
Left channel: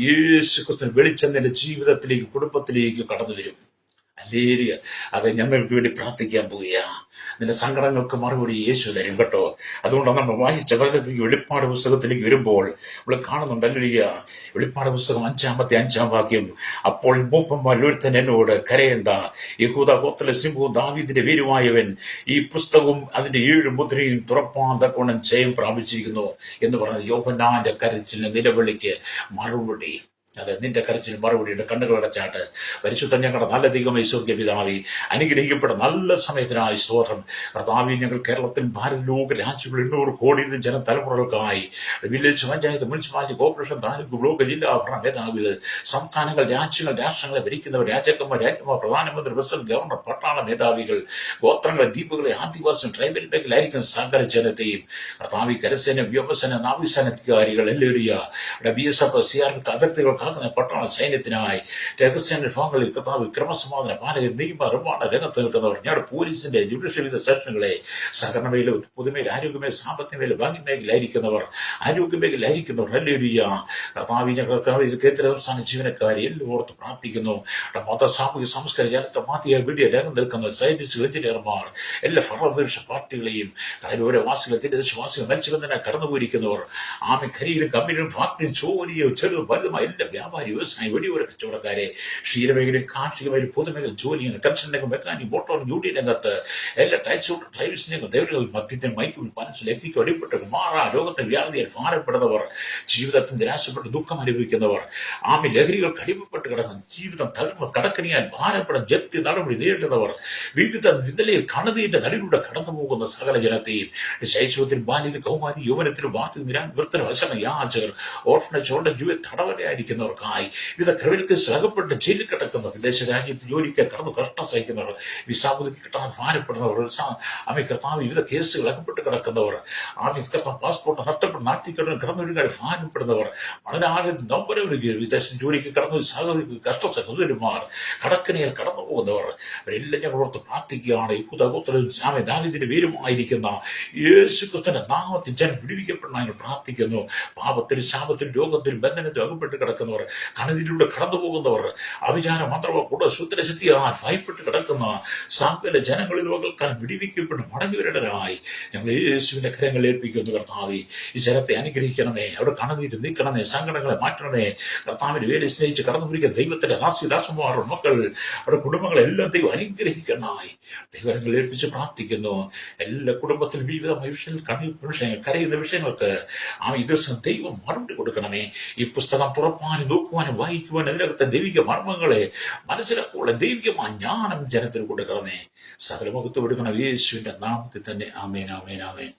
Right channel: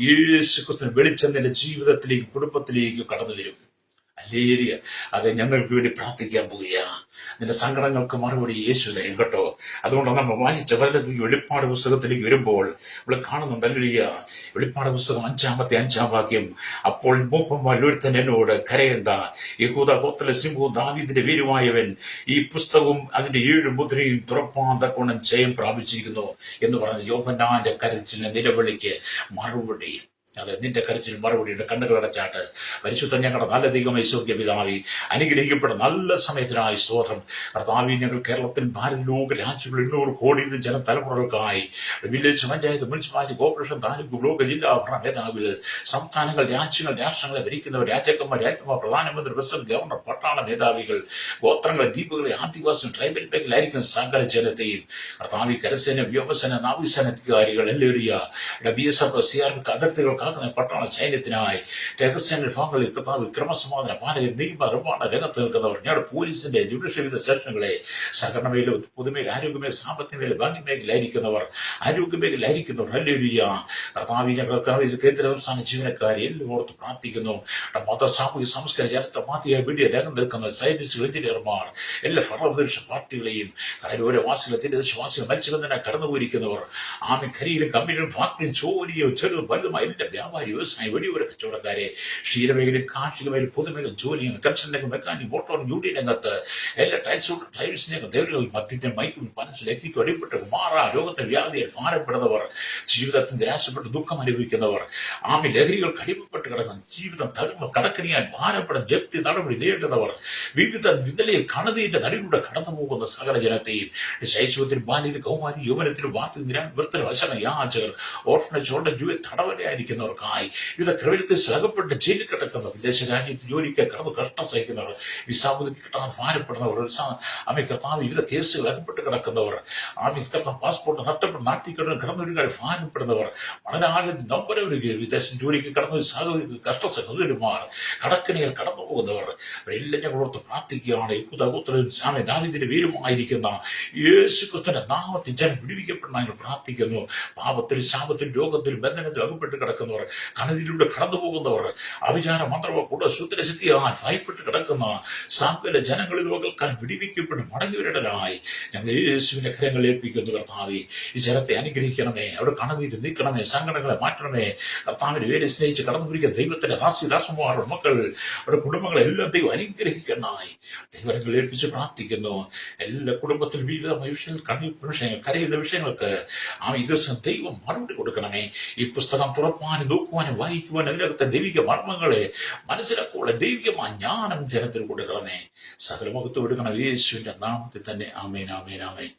യേശു ക്രിസ്തു വെളിച്ചം നിന്റെ ജീവിതത്തിലേക്ക്, കുടുംബത്തിലേക്ക് കടന്നു വരും. അല്ലേലിയ. അത് ഞങ്ങൾക്ക് വേണ്ടി പ്രാർത്ഥിക്കാൻ പോവുക. നിന്റെ സങ്കടങ്ങൾക്ക് മറുപടി യേശു തരും കേട്ടോ. അതുകൊണ്ടാണ് നമ്മൾ വായിച്ച പലതരം വെളിപ്പാട് പുസ്തകത്തിലേക്ക് വരുമ്പോൾ ഇവിടെ കാണുന്നുണ്ടല്ലോ. വെളിപ്പാട് പുസ്തകം 5-5 വാക്യം, അപ്പോൾ മൂപ്പന്മാരിൽ ഒരുത്തൻ എന്നോട്, കരയണ്ട, യഹൂദ ഗോത്രത്തിലെ സിംഹവും ദാവീദിന്റെ വീരുമായവൻ ഈ പുസ്തകവും അതിന്റെ 7 മുദ്രയും തുറപ്പാൻ തക്കവണ്ണം ജയം പ്രാപിച്ചിരിക്കുന്നു എന്ന് പറഞ്ഞ യോഹന്നാന്റെ കരച്ചിലിന്റെ നിലവിളിക്ക് മറുപടി. അതെ, നിന്റെ കരച്ചിൽ മറുപടിയുടെ കണ്ണുകളടച്ചാട്ട്. പരിശുദ്ധ ഞങ്ങളുടെ നല്ല ദൈവമേ, സ്വർഗ്ഗ പിതാവേ, അനുഗ്രഹിക്കപ്പെട്ട നല്ല സമയത്തിനായി സ്തോത്രം. കർത്താവേ, ഞങ്ങൾ കേരളത്തിൽ ഭാരത ലോക രാജ്യങ്ങൾ 800 കോടി ജനതലമുറകൾക്കായി village panchayat, municipality, corporation, taluk, block, ജില്ലാ ഭരണ മേധാവികൾ, സംസ്ഥാനങ്ങൾ, രാജ്യങ്ങൾ, രാഷ്ട്രങ്ങളെ ഭരിക്കുന്നവർ, രാജാക്കന്മാർ, രാജ്ഞിമാർ, പ്രധാനമന്ത്രി, പ്രസിഡന്റ്, ഗവർണർ, പട്ടാള മേധാവികൾ, ഗോത്രങ്ങളെ, ദ്വീപുകളെ, ആദിവാസികൾ, ട്രൈബൽ മേഖലയിലായിരിക്കുന്ന സകല ജനത്തെയും കർത്താവേ, കരസേന, വ്യോമസേന, നാവികസേന അധികാരികൾ, BSF, CRP അതിർത്തികൾ പട്ടണ സൈന്യത്തിനായി, രഹസ്യ വിഭാഗങ്ങളിൽ കർത്താവ്, ക്രമസമാധാന പാലകർ, നിയമ നിർമ്മാണ രംഗത്ത് നിൽക്കുന്നവർ, ഞങ്ങളുടെ പോലീസിന്റെ ജുഡീഷ്യൽ വിവിധ സ്റ്റേഷനുകളെ, സഹകരണ മേഖല, പൊതുമേഖല, ആരോഗ്യമേഖല, സാമ്പത്തിക മേഖല, ബാങ്കിംഗ് മേഖലയിലായിരിക്കുന്നവർ, ആരോഗ്യ മേഖലയിലായിരിക്കുന്നവർ, ഹല്ലേലൂയ. കർത്താവ്, ഞങ്ങൾക്ക് കേന്ദ്ര സംസ്ഥാന ജീവനക്കാരെ എല്ലാം ഓർത്ത് പ്രാർത്ഥിക്കുന്നു. മത, സാമൂഹിക, സംസ്കാര, ചരിത്ര, മാധ്യമ, മീഡിയ രംഗം നിൽക്കുന്ന സയന്റിസ്റ്റുകൾ, എഞ്ചിനീയർമാർ, എല്ലാ ഭരണപക്ഷ പാർട്ടികളെയും, കടലോര വാസികൾ, തീരദേശവാസികൾ, മത്സ്യബന്ധന കടന്നുപോയിരിക്കുന്നവർ, ഖനിയിലും കമ്പനിയിലും ഫാക്ടറിയും ജോലിയോ ചെറുതും വലുതുമായ എല്ലാ വ്യാപാരി, വ്യവസായ, വെടിയോര കച്ചവടക്കാരെ, ക്ഷീരമേഖലയിൽ, കാർഷിക മേഖല, പൊതുമേഖല, ജോലികൾ, കൺസ്ട്രക്ഷൻ രംഗം, മെക്കാനിക്, മോട്ടോർ, യൂണിയൻ രംഗത്ത്, എല്ലാ ടൈൽസ് രംഗം, ദേവലുകൾ, മദ്യത്തിന്, മയക്കും, മനസ്സിൽ ലഹരിക്കും അടിപ്പെട്ട് മാറാ രോഗത്തിന് വ്യാധിയാൽ ഭാരപ്പെടുന്നവർ, ജീവിതത്തിൽ നിരാശപ്പെട്ട് ദുഃഖം അനുഭവിക്കുന്നവർ, ലഹരികൾക്ക് അടിമപ്പെട്ട് കിടക്കുന്ന, ജീവിതം തകർന്ന് കടക്കണിയാൽ ഭാരപ്പെടുന്ന, ജപ്തി നടപടി നേരിടുന്നവർ, വിവിധ നിലയിൽ കണതിന്റെ നടിലൂടെ കടന്നു പോകുന്ന സകല ജനത്തെയും, ശൈശവത്തിൽ, ബാല്യത്തിൽ, കൗമാരി, യൗവനത്തിലും, വാർത്തയിൽ, വൃത്തന, വശന, യാചകർ, ഓർഫനേജ്, തടവരയായിരിക്കുന്നവർക്കായി, വിവിധ ക്രിമിനൽ കേസിൽ അകപ്പെട്ട് ജയിലിൽ കിടക്കുന്നവർ, വിദേശ രാജ്യത്ത് ജോലിക്ക് കടന്നു കഷ്ടം സഹിക്കുന്നവർ, വിസാപുതുക്കി കിട്ടാൻ ഭാരപ്പെടുന്നവർ, കർത്താവ്, വിവിധ കേസുകൾ അകപ്പെട്ട് കിടക്കുന്നവർ, കർത്താവ്, പാസ്പോർട്ട് നഷ്ടപ്പെട്ട് നാട്ടിൽ കിടന്നൊരുങ്ങാൻ ഭാരപ്പെടുന്നവർ, വളരെ നമ്പരവരുകയും വിദേശ ജോലിക്ക് കടന്നു കഷ്ട സഹോദരന്മാർ, കടക്കണിയിൽ കടന്നു പോകുന്നവർ, അവരെല്ലാം ഞങ്ങൾ ഓർത്ത് പ്രാർത്ഥിക്കുകയാണ്. ദാവീദിന്റെ വീരുമായിരിക്കുന്ന യേശു ക്രിസ്തുവിന്റെ നാമത്തിൽ ജനം വിടുവിക്കപ്പെടാൻ ഞങ്ങൾ പ്രാർത്ഥിക്കുന്നു. പാപത്തിൽ, ശാപത്തിൽ, രോഗത്തിൽ, ബന്ധനത്തിൽ അകപ്പെട്ട് കിടക്കുന്നവർ, കണതിലൂടെ കടന്നു പോകുന്നവർ, അവിചാര മന്ത്രവ കൂടെ ശുദ്ധരശക്തിയാൽ ഭയപ്പെട്ട് കിടക്കുന്ന സകല ജനങ്ങളിൽ വകൾക്കാൻ വിടിവിക്കപ്പെട്ട് മടങ്ങിവരടനായി ഞങ്ങൾ യേശുവിന്റെ കരങ്ങൾ ഏൽപ്പിക്കുന്നു. കർത്താവേ, ഈ ജനത്തെ അനുഗ്രഹിക്കണമേ, അവിടെ കണനീര് നീക്കണമേ, സങ്കടങ്ങളെ മാറ്റണമേ. കർത്താവിന്റെ വേല സ്നേഹിച്ച് കടന്നു പിടിക്കുന്ന ദൈവത്തിന്റെ ദാസിദാസന്മാർ, മക്കൾ, അവരുടെ കുടുംബങ്ങളെല്ലാം ദൈവം അനുഗ്രഹിക്കണമായി ദൈവങ്ങൾ ഏൽപ്പിച്ച് പ്രാർത്ഥിക്കുന്നു. എല്ലാ കുടുംബത്തിലും വിവിധ വിഷയങ്ങൾ, കരയുന്ന വിഷയങ്ങൾക്ക് ഈ ദിവസം ദൈവം മറുപടി കൊടുക്കണമേ. ഈ പുസ്തകം തുറപ്പാനും നോക്കുവാനും വായിക്കുവാനും അതിനകത്തെ ദൈവിക മർമ്മങ്ങളെ മനസ്സിലാക്കുള്ള ദൈവികമായ ജ്ഞാനം ജനത്തിന് കൊടുക്കണമേ. സകല മഹത്വം എടുക്കണം യേശുവിന്റെ നാമത്തിൽ തന്നെ. ആമേൻ, ആമേൻ, ആമേൻ.